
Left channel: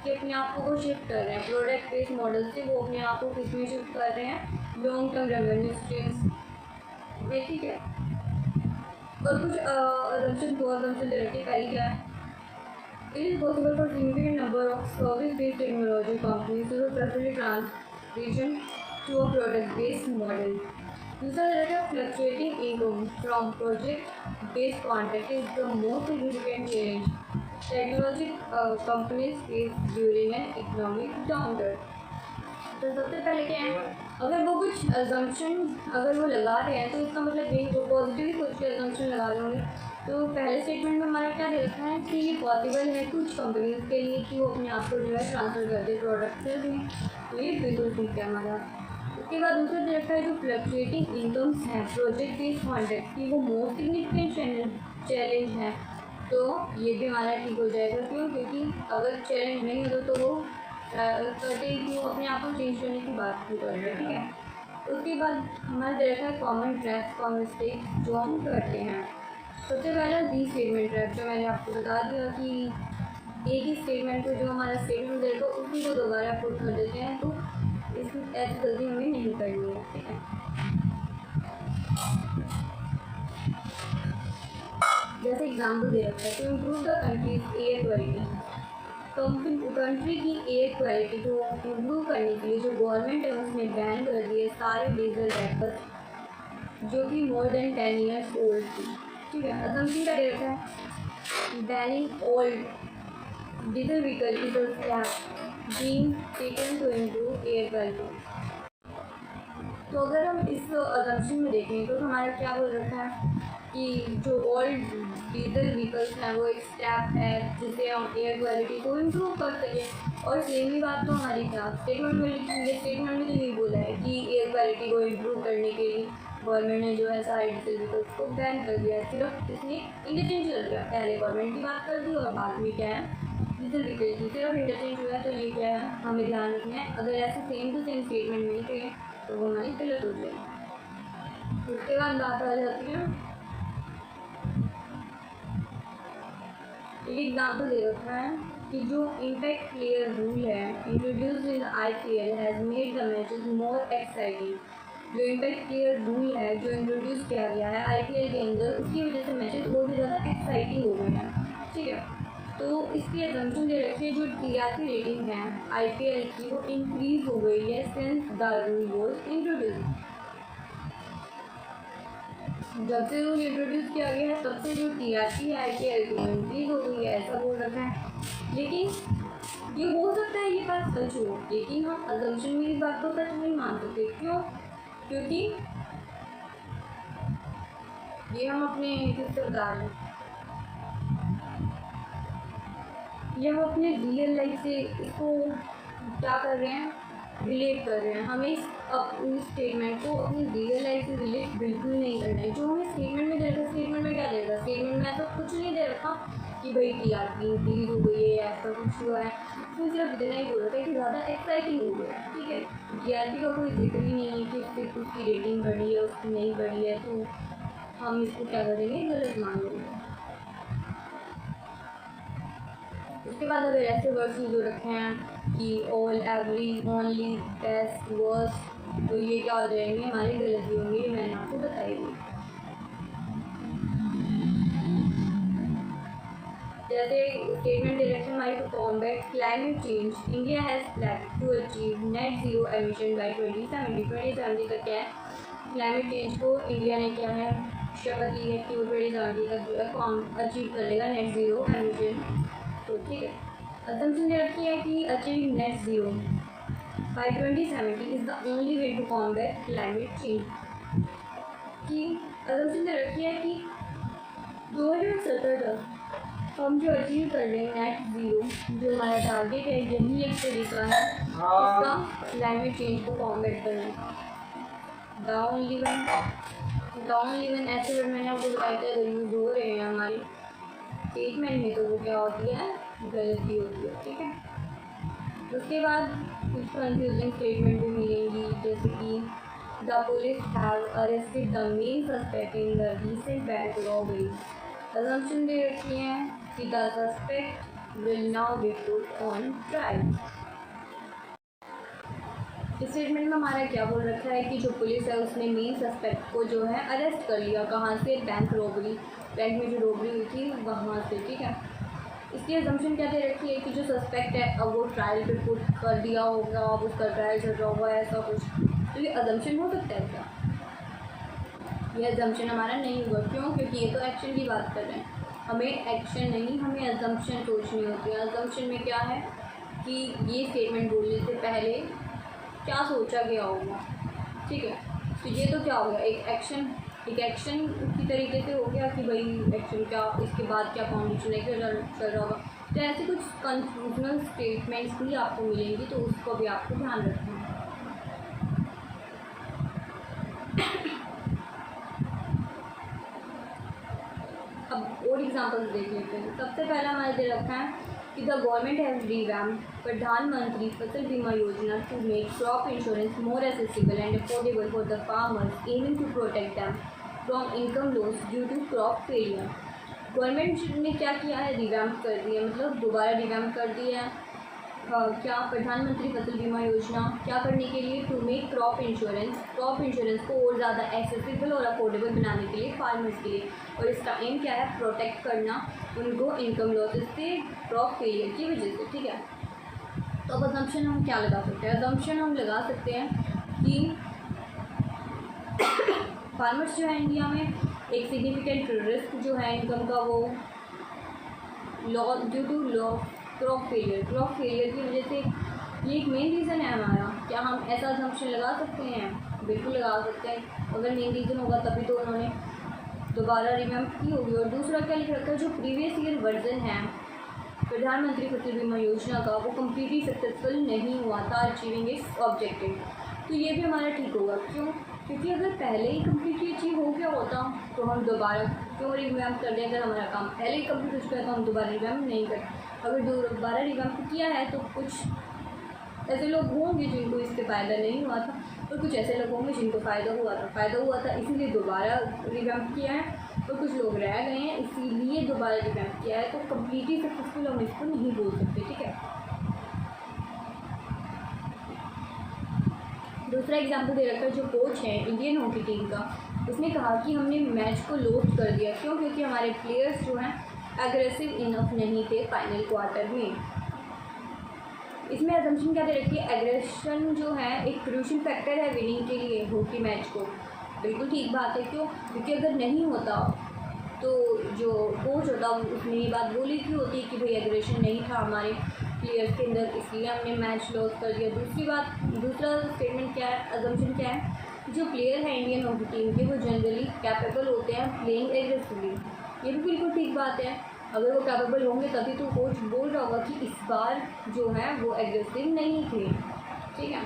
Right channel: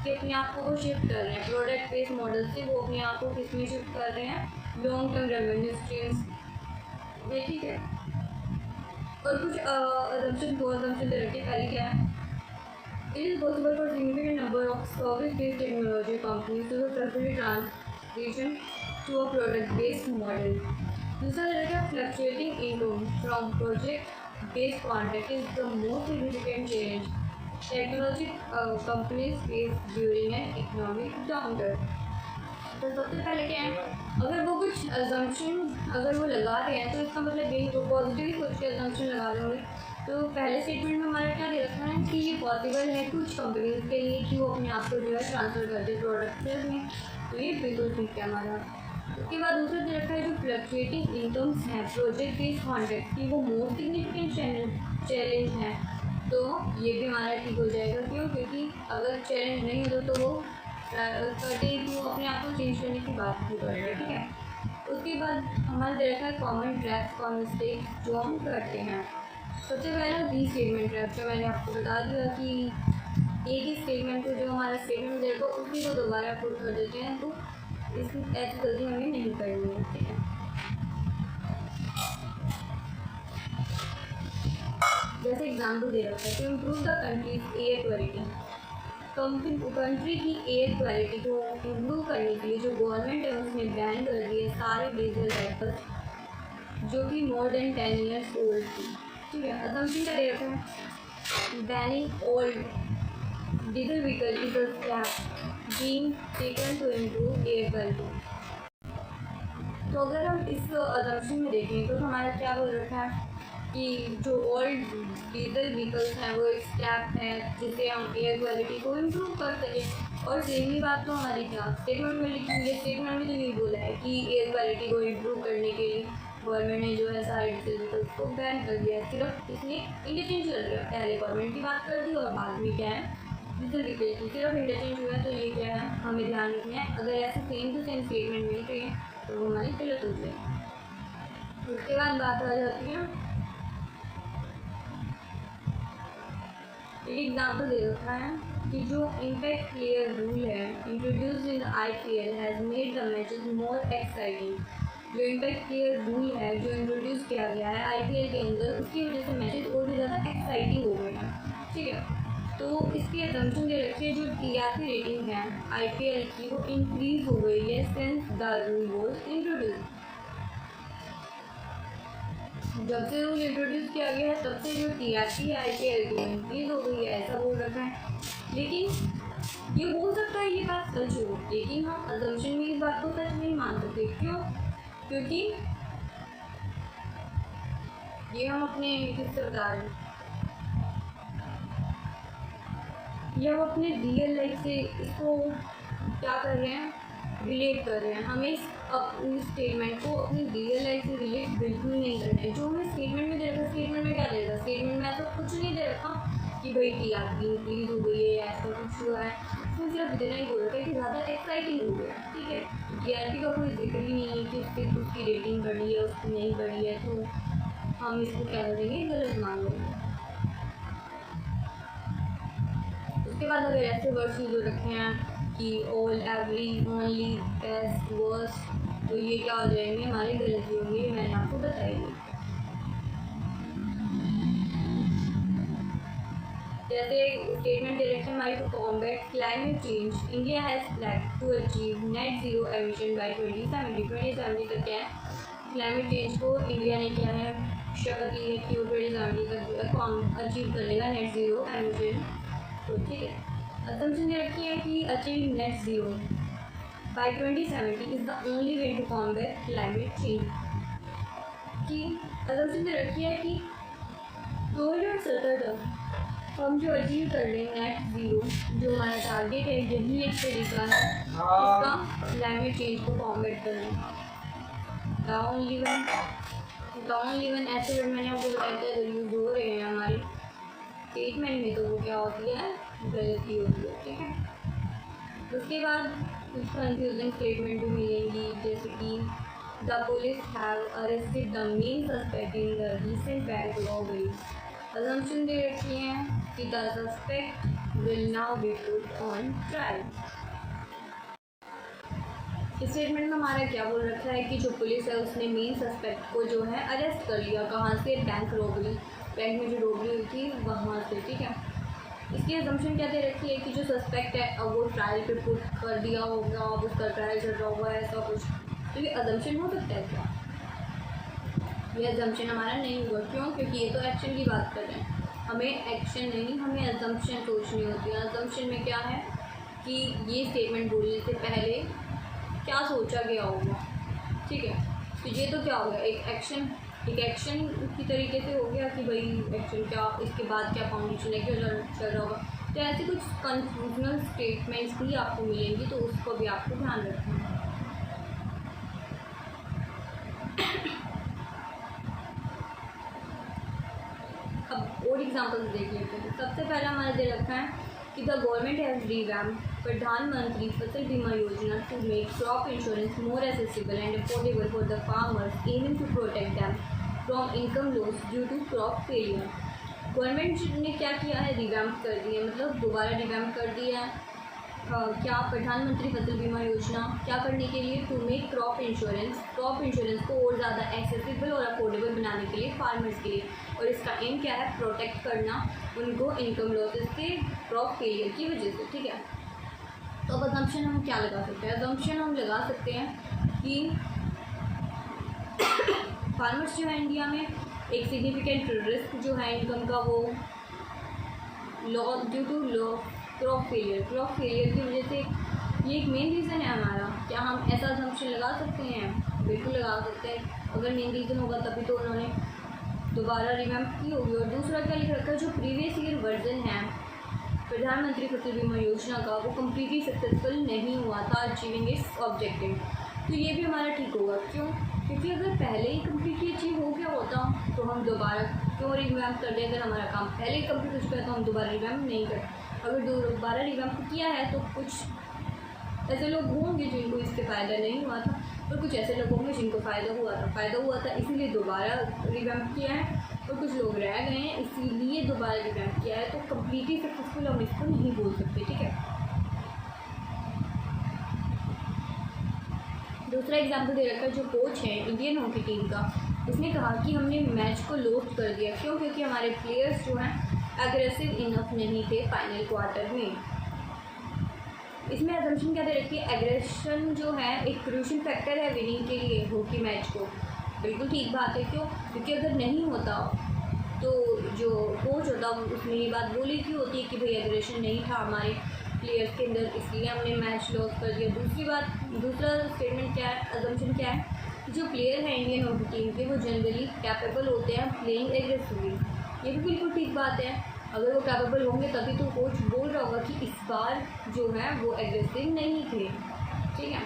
कि अपने आप को शिफ्ट कर रहे हैं प्रोडक्ट बेस्ड मॉडल से, वो अपने आप को किस में शिफ्ट कर रहे हैं, लॉन्ग टर्म रेवेन्यू स्ट्रीम्स में। ठीक है, और कुछ अजम्पशन दो अजम्पशन दे रखी है। पहली क्या है, it is possible for significant number of service based technology companies to successfully transition to a product based model. दूसरा रहेगा fluctuating income from project based contract is the most significant change technology companies face during an economic downturn. तो सबसे पहले क्या है, अगर वो कुछ अजम्पशन अगर वो लगा रहे हैं तो इसका मतलब ये वो पॉजिटिव ही सोच के अजम्पशन लगा रहे होंगे तो पहले स्टेटमेंट में हमारा क्या दे रखा है कि ये पॉसिबल है कुछ कंपनीज के लिए कि वो अपने आप को जो है ट्रांसफ़र कर दे प्रोडक्ट से भी, तो ये बिल्कुल ठीक है हमारा। उसके बाद दूसरा दे रखा है जो फ्लक्चुएटिंग इनकम्स हैं प्रोजेक्ट बेस्ड कॉन्ट्रैक्ट की, वो मोस्ट सिग्निफिकेंट चैलेंज है, तो ये भी हमारा ठीक हो जाएगा। क्यों? क्योंकि अगर चैलेंज नहीं होता तो वो करते कि वो अपने आप को चेंज करने की बात नहीं कर रहे, ठीक है। उसके बाद हमारा दे रखा है कॉमन ट्रैप्स और मिस्टेक जो हम करते हैं। सबसे पहला री स्टेटमेंट ट्रैप, जो मैंने आपको बता दिया कि एक ही स्टेटमेंट को जो हमारा स्टेटमेंट दे रखा है उसी को दोबारा पुट कर देते हैं, तो इसमें ऐसी गलती हमें नहीं करनी होती है। जैसे एग्जाम्पल दे रखा है, to improve the country's air quality, तो कंट्री की एयर क्वालिटी को इम्प्रूव करने के लिए जो गवर्नमेंट है उसने बैन कर दिए सारे डीजल व्हीकल्स जो कि मोर देन 10 ईयर्स ओल्ड थी, ठीक है। असम्पशन का दे रखा है banning old diesel vehicle is a step being taken to improve air quality. तो अगर हम इस असम्पशन में देखें तो हमारा क्या बोल रखा है कि जो ओल्ड डीजल व्हीकल्स हैं वो एक स्टेप है जिससे हम एयर क्वालिटी को इम्प्रूव कर सकें। और सेम ही बात तो हमारी क्या स्टेटमेंट में लिखेंगे, स्टेटमेंट में तो यही बोला है कि एयर क्वालिटी को इम्प्रूव करने के लिए गवर्नमेंट ने जो है सारे डीजल व्हीकल्स को बैन कर दिया है। सिर्फ इसने इंटरचेंज कर दिया, पहले गवर्नमेंट की बात कर दी और बाद में क्या है डीजल व्हीकल की सिर्फ इंटरचेंज हुआ। तो ये क्या है हमें ध्यान रखना है, अगर ऐसे सेम टू सेम स्टेटमेंट नहीं थे तो वो हमारी गलत हो जाएगी। उसके बाद बात आ जाती है, एक एग्जाम्पल दे रखा है कि जो इम्पैक्ट प्लेयर रूल है introduced in IPL has made the matches more exciting. जो इम्पैक्ट प्लेयर रूल है जो इंट्रोड्यूस किया गया है IPL के अंदर, उसकी वजह से मैचेस और भी ज़्यादा एक्साइटिंग हो गए हैं, ठीक है। तो इसकी असम्पशन दे रखी है जो TRP रेटिंग है IPL की वो इंक्रीज हो गई है since the rule was introduce. जब से रूल इंट्रोड्यूस किया गया है तब से जो TRP है IPL की इंक्रीज हो गई है, ऐसा बोल रखा है। लेकिन ये हो सकता है ये बात सच हो, लेकिन हम असम्पशन में इस बात को सच नहीं मान सकते। क्यों? क्योंकि ये हम अपने किससे बता रहे हैं, ये हम अपने रियल लाइफ से इसको क्या कर रहे हैं रिलेट कर रहे हैं। हमें अपनी स्टेटमेंट को अपनी रियल लाइफ से रिलेट बिल्कुल नहीं करना है। जो हमें स्टेटमेंट में दे रखा, स्टेटमेंट में क्या दे रखा, स्टेटमेंट में ऐसा कुछ नहीं दे रखा कि भाई TRP इंक्रीज हो गई है ऐसा कुछ हुआ है, उसमें सिर्फ इतना ही बोल रखा है कि ज़्यादा एक्साइटिंग हो गया, ठीक है। TRP का कोई जिक्र ही नहीं है कि उसकी रेटिंग बढ़ी है उसकी नहीं बढ़ी है, तो हम इसको क्या करेंगे गलत मान लेंगे। उसके बाद अगर ऐसे वर्ड्स जो रखे हैं कि all every only best worse, तो ये क्या हो जाएंगे हमारी गलती होंगी, मैंने आपको बताई। जैसे स्टेटमेंट दे रखे हमारी to combat climate change India has plan to achieve net zero emission by 2070 तक क्या है क्लाइमेट चेंज को इंडिया ने क्या है शपथ ली है कि वो 2070 तक अचीव कर लेगा नेट ज़ीरो एमिशन। तो ठीक है, असम्पशन दे रखी है कि achieve net zero by 2070 is the only way to combat climate change. कि असम्पशन दे रखी है कि 2070 तक हम जो अचीव कर रहे हैं नेट ज़ीरो, जो हमारा टारगेट है, यही एक तरीका है इसका क्लाइमेट चेंज को कॉम्बैट करने का। द ओनली वन ऐसे वर्ड मैंने आपको बताया था अगर यूज़ हो रहे हैं हमारे स्टेटमेंट में तो वो क्या होती है गलती होती है, ठीक है। उसके बाद कुछ कंफ्यूजिंग स्टेटमेंट भी मिलेंगी, जैसे कि the police have arrested the main suspect in the recent bank robbery. Assumption दे रखी है कि the suspect will now be put on trial. इस स्टेटमेंट में हमारा क्या बोल रखा है कि जो पुलिस है उसने मेन सस्पेक्ट को जो है अरेस्ट कर लिया, कहाँ से, बैंक रॉबरी, बैंक में जो रॉबरी हुई थी वहाँ से, ठीक है। इसकी असम्पशन क्या दे रखी है कि जो सस्पेक्ट है अब वो ट्रायल पे पुट कर दिया होगा, अब उसका ट्रायल चल रहा होगा ऐसा कुछ। तो ये असम्पशन हो सकता है क्या? ये असम्पशन हमारा नहीं होगा। क्यों? क्योंकि ये तो एक्शन की बात कर रहे हैं, हमें एक्शन नहीं हमें असम्पशन सोचनी होती है। असम्पशन में क्या है कि ये स्टेटमेंट बोलने से पहले क्या सोचा गया होगा, ठीक है। तो ये तो क्या होगा एक एक्शन एक एक्शन की तरीके से हो गया कि भाई एक्शन क्या, इसके बाद क्या फाउंडेशन है, क्या चल रहा होगा। तो ऐसे कुछ कंफ्यूजनल स्टेटमेंट्स भी आपको मिलेंगी, तो उसको भी आपको ध्यान रखना है। अब और एग्जांपल्स देख लेते हैं। सबसे पहला हमारे दे रखा है कि द गवर्नमेंट हैज़ रिवैम्प्ड प्रधानमंत्री Fasal Bima Yojana to make crop insurance more accessible and affordable for the farmers, aiming to protect them from income loss due to crop failure. Government ने क्या किया है, रिवैम्प कर दिया, मतलब दोबारा रिवैम्प कर दिया है। क्या, प्रधानमंत्री फसल बीमा योजना क्या करने के लिए, टू मेक क्रॉप इंश्योरेंस को और ज़्यादा एक्सेसिबल और अफोर्डेबल बनाने के लिए फार्मर्स के लिए। और इसका एम क्या है, प्रोटेक्ट करना उनको इनकम लॉसेस से, क्रॉप फेलियर की वजह से। ठीक है, तो अब अजम्पशन हम क्या लगा सकते हैं, अजम्पशन हम लगा सकते हैं कि फार्मर्स जो है इंडिया में एक सिग्निफिकेंट रिस्क जो है इनकम का, वो due to law crop failure की वजह से, ये एक मेन रीज़न है हमारा। क्या हम ऐसा अजम्पशन लगा सकते हैं? बिल्कुल लगा सकते हैं। अगर मेन रीज़न होगा तभी तो उन्होंने दोबारा रिवैम्प की होगी। और दूसरा क्या लिख रखा है, जो प्रीवियस ईयर वर्जन है प्रधानमंत्री फसल बीमा योजना का, वो कम्प्लीटली सक्सेसफुल नहीं हुआ था अचीविंग इट्स ऑब्जेक्टिव। तो ये भी हमारा ठीक होगा। क्यों? क्योंकि अगर पहले ही कम्प्लीटली अचीव हो गया होता तो हम दोबारा क्यों रिवैम्प कर दें? अगर हमारा काम पहले ही कम्प्लीट हो चुका है तो हम दोबारा रिवैम्प नहीं करते। अगर दोबारा रिवैम्प किया है तो कुछ ऐसे लोग होंगे जिनको इससे फ़ायदा नहीं हुआ था, और कुछ ऐसे लोग होंगे जिनको फ़ायदा हुआ था इसीलिए दोबारा रिवैम्प किया है, और कुछ लोग रह गए हैं इसीलिए दोबारा रिवैम्प किया है। तो कम्प्लीटली सक्सेसफुल हम इसको नहीं बोल सकते। ठीक है, दूसरा एग्जाम्पल दे रखा है, जो कोच है इंडियन हॉकी टीम का, उसने कहा कि हमने मैच को लॉस्ट कर दिया। क्यों? क्योंकि हमारे प्लेयर्स जो हैं एग्रेसिव इनफ नहीं थे फाइनल क्वार्टर में। इसमें अजम्पशन क्या दे रखी है, एग्रेशन जो है एक क्रूशियल फैक्टर है विनिंग के लिए हॉकी मैच को। बिल्कुल ठीक बात है। क्यों? क्योंकि अगर नहीं होता तो जो कोच होता उसने ये बात बोली की होती है कि भाई एग्रेशन नहीं था हमारे प्लेयर्स के अंदर, इसलिए हमने मैच लॉस कर दिया। दूसरा स्टेटमेंट क्या है, अजम्पशन क्या है, जो प्लेयर है इंडियन हॉकी टीम के वो जनरली कैपेबल होते हैं प्लेइंग एग्रेसिवली। ये भी बिल्कुल ठीक बात है। अगर वो कैपेबल होंगे तभी तो कोच बोल रहा होगा कि इस बार जो है वो एग्रेसिव नहीं थे। ठीक है,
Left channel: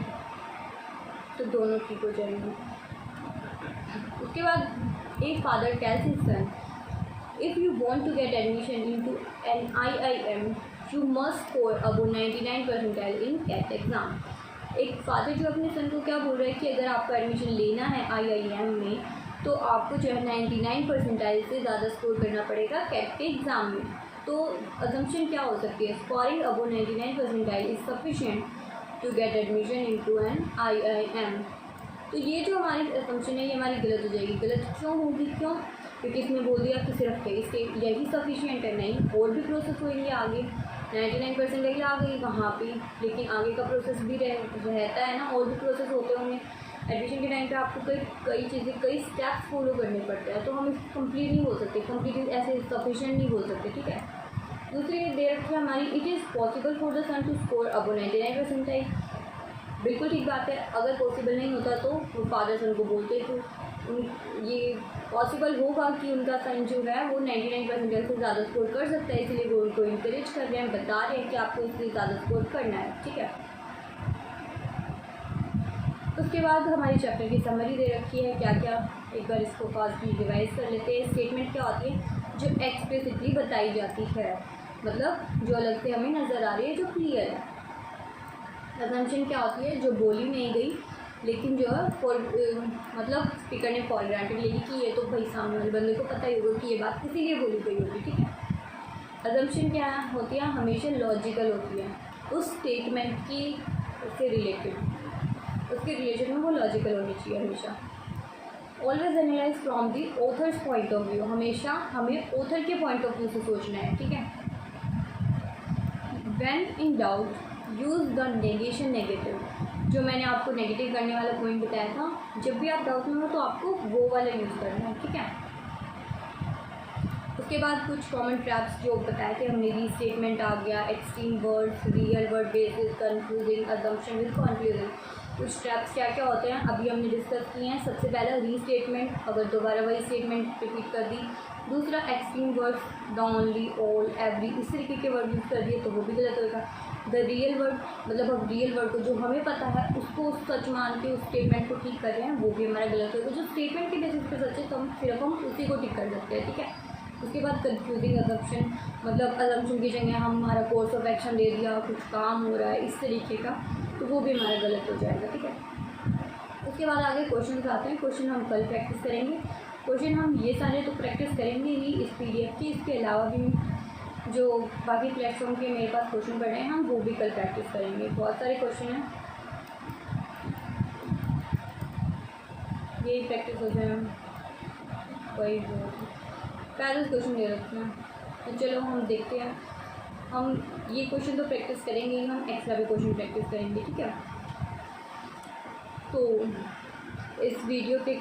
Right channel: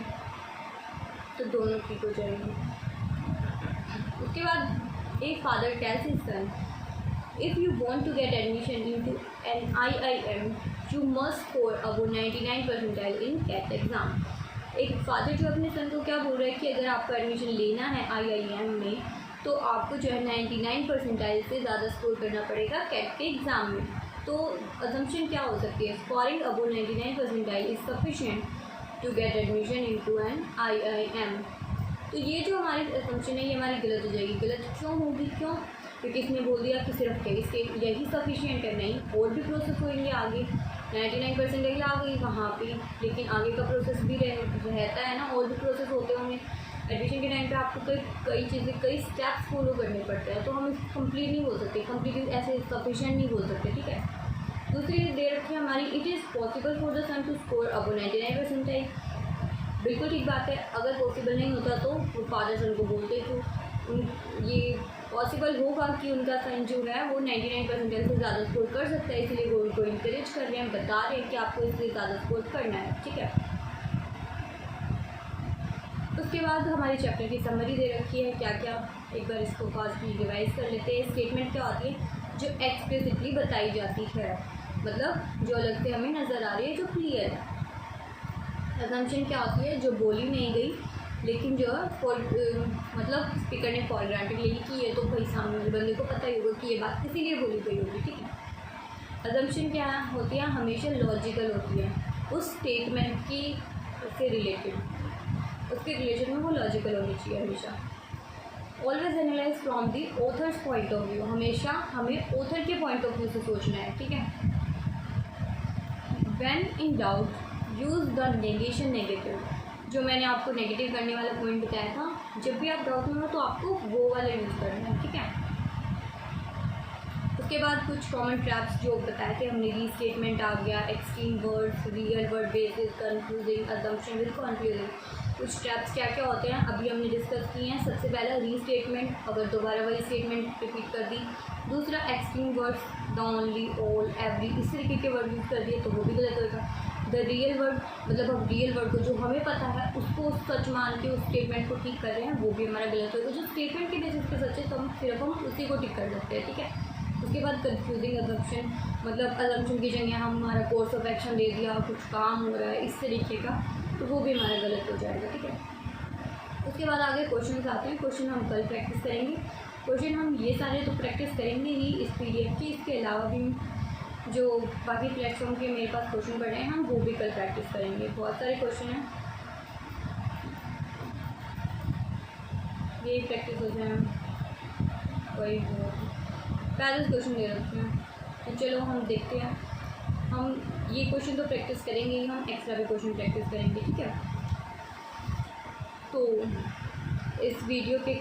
तो दोनों ठीक हो जाएंगे। उसके बाद एक father tells his son, if you want to get admission into an IIM you must score above 99 percentile in CAT exam. एक फादर जो अपने सन को क्या बोल रहा है कि अगर आपको एडमिशन लेना है IIM में तो आपको जो है 99 परसेंटाइल से ज़्यादा स्कोर करना पड़ेगा कैट के एग्ज़ाम में। तो अजम्पशन क्या हो सकती है, scoring above 99 percentile is sufficient to get admission into an IIM। तो ये जो हमारी अजम्पशन है ये हमारी गलत हो जाएगी। गलत क्यों होगी? क्यों? क्योंकि इसने बोल दिया कि सिर्फ इसके यही सफिशिएंट है, नहीं और भी प्रोसेस होंगे आगे। 99 परसेंटाइल आ गई वहाँ पे, लेकिन आगे का प्रोसेस भी रहता है ना, और भी प्रोसेस होते होंगे। एडमिशन के टाइम पे आपको कई चीज़ें, कई स्टेप्स फॉलो करने पड़ते हैं, तो हम इसको कंप्लीट नहीं बोल सकते, कंप्लीट ऐसे सफिशिएंट नहीं बोल सकते। ठीक है, दूसरी दे रखी है हमारी, it is possible for the son to score above 99 percentile. बिल्कुल ठीक बात है। अगर पॉसिबल नहीं होता तो वो फादर सन को बोलते तो ये पॉसिबल होगा कि उनका सन जो है वो 99 परसेंटाइल से ज़्यादा स्कोर कर सकता है, इसलिए वो उनको इंकरेज कर रहे हैं, बता रहे हैं कि आपको इससे ज़्यादा स्कोर करना है। ठीक है, उसके बाद हमारे चैप्टर की समरी दे रखी है क्या क्या, एक बार इसको फास्टली रिवाइज कर लेते हैं। स्टेटमेंट क्या होती है, जो एक्सप्लिसिटली बताई जाती है, मतलब जो अलग से हमें नज़र आ रही है, जो क्लियर है। अजम्पशन क्या होती है, जो बोली नहीं गई लेकिन जो है मतलब स्पीकर ने फॉर ग्रांटेड ले ली कि ये तो भाई सामने वाले बंदे को पता ही होगा कि ये बात इसीलिए बोली गई होगी। ठीक है, अजम्पशन क्या होती है, हमेशा लॉजिकल होती है, उस स्टेटमेंट की से रिलेटेड, उसके रिलेशन में वो लॉजिकल होनी चाहिए हमेशा। Always analyse from the authors point of view, हमेशा हमें ऑथर के पॉइंट ऑफ व्यू से सोचना है। ठीक है, when in doubt use the negation negative, जो मैंने आपको नेगेटिव करने वाला पॉइंट बताया था, जब भी आप डाउट में हो तो आपको वो वाला यूज़ करना है। ठीक है, उसके बाद कुछ कॉमन ट्रैप्स जो बताए थे हमने, रीस्टेटमेंट आ गया, extreme words, real word basis, confusing, assumption with confusing. कुछ ट्रैप्स क्या क्या होते हैं अभी हमने डिस्कस किए हैं। सबसे पहला रीस्टेटमेंट, अगर दोबारा वही स्टेटमेंट रिपीट कर दी। दूसरा extreme words, the, only, all, every, इस तरीके के वर्ड यूज़ कर दिए तो वो भी गलत होगा। द रियल वर्ड, मतलब हम रियल वर्ड को जो हमें पता है उसको सच मान के उस स्टेटमेंट को ठीक कर रहे हैं, वो भी हमारा गलत होगा। जो स्टेटमेंट के बेसिस पे सच है तो हम सिर्फ उसी को ठीक कर सकते हैं, ठीक है। उसके बाद कंफ्यूजिंग असम्पशन, मतलब असम्पशन की जगह हमारा कोर्स ऑफ एक्शन दे दिया, कुछ काम हो रहा है इस तरीके का, तो वो भी हमारा गलत हो जाएगा, ठीक है। उसके बाद आगे क्वेश्चन आते हैं। क्वेश्चन हम कल प्रैक्टिस करेंगे। क्वेश्चन हम ये सारे तो प्रैक्टिस करेंगे ही इस PDF के, इसके अलावा भी जो बाकी प्लेटफॉर्म के मेरे पास क्वेश्चन पढ़े हैं हम वो भी कल प्रैक्टिस करेंगे। बहुत सारे क्वेश्चन हैं, यही प्रैक्टिस हो जाए। वही पैरल क्वेश्चन दे रखे हैं, तो चलो हम देखते हैं। हम ये क्वेश्चन तो प्रैक्टिस करेंगे ही, हम एक्स्ट्रा भी क्वेश्चन प्रैक्टिस करेंगे, ठीक है। तो इस वीडियो के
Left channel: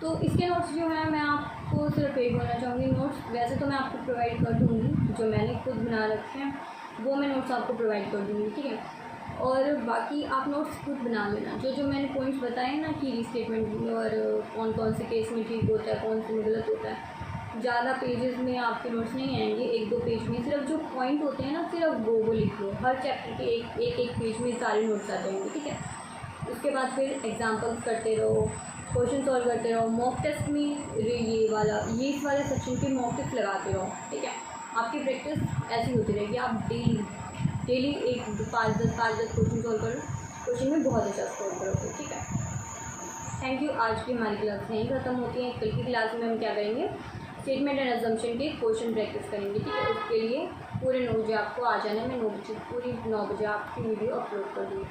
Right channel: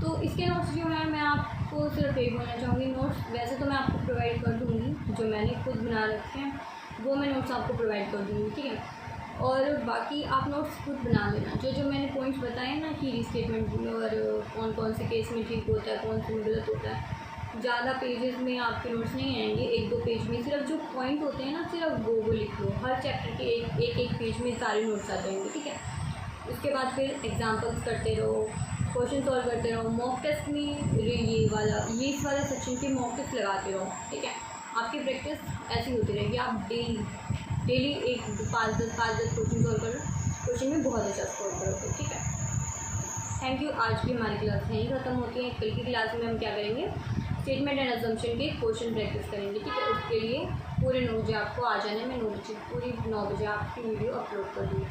तो इसके नोट्स जो हैं मैं आपको सिर्फ यही बोलना चाहूँगी। नोट्स वैसे तो मैं आपको प्रोवाइड कर दूँगी, जो मैंने खुद बना रखे हैं वो मैं नोट्स आपको प्रोवाइड कर दूँगी, ठीक है। और बाकी आप नोट्स खुद बना लेना। जो जो मैंने पॉइंट्स बताए ना कि रीस्टेटमेंट और कौन कौन से केस में ठीक होता है, कौन से में गलत होता है, ज़्यादा पेजेस में आपके नोट्स नहीं आएंगे, 1-2 पेज में सिर्फ जो पॉइंट होते हैं ना सिर्फ वो लिख लो। हर चैप्टर के एक पेज में सारे नोट्स आ जाएंगे, ठीक है। उसके बाद फिर एग्जाम्पल्स करते रहो, क्वेश्चन सॉल्व करते रहो। मॉक टेस्ट में इस वाले सेक्शन के मॉक टेस्ट लगाते रहो, ठीक है। आपकी प्रैक्टिस ऐसी होती रहेगी। आप डेली 5-10 क्वेश्चन सॉल्व करो, क्वेश्चन में बहुत अच्छा स्कोर करोगे, ठीक है। Thank you. आज की हमारी क्लास यहीं ख़त्म होती है। कल की क्लास में हम क्या करेंगे, स्टेटमेंट एंड असम्पशन के क्वेश्चन प्रैक्टिस करेंगे, ठीक है। उसके लिए पूरे 9 बजे आपको आ जाना है। मैं 9 बजे आपकी वीडियो अपलोड कर दूँगी।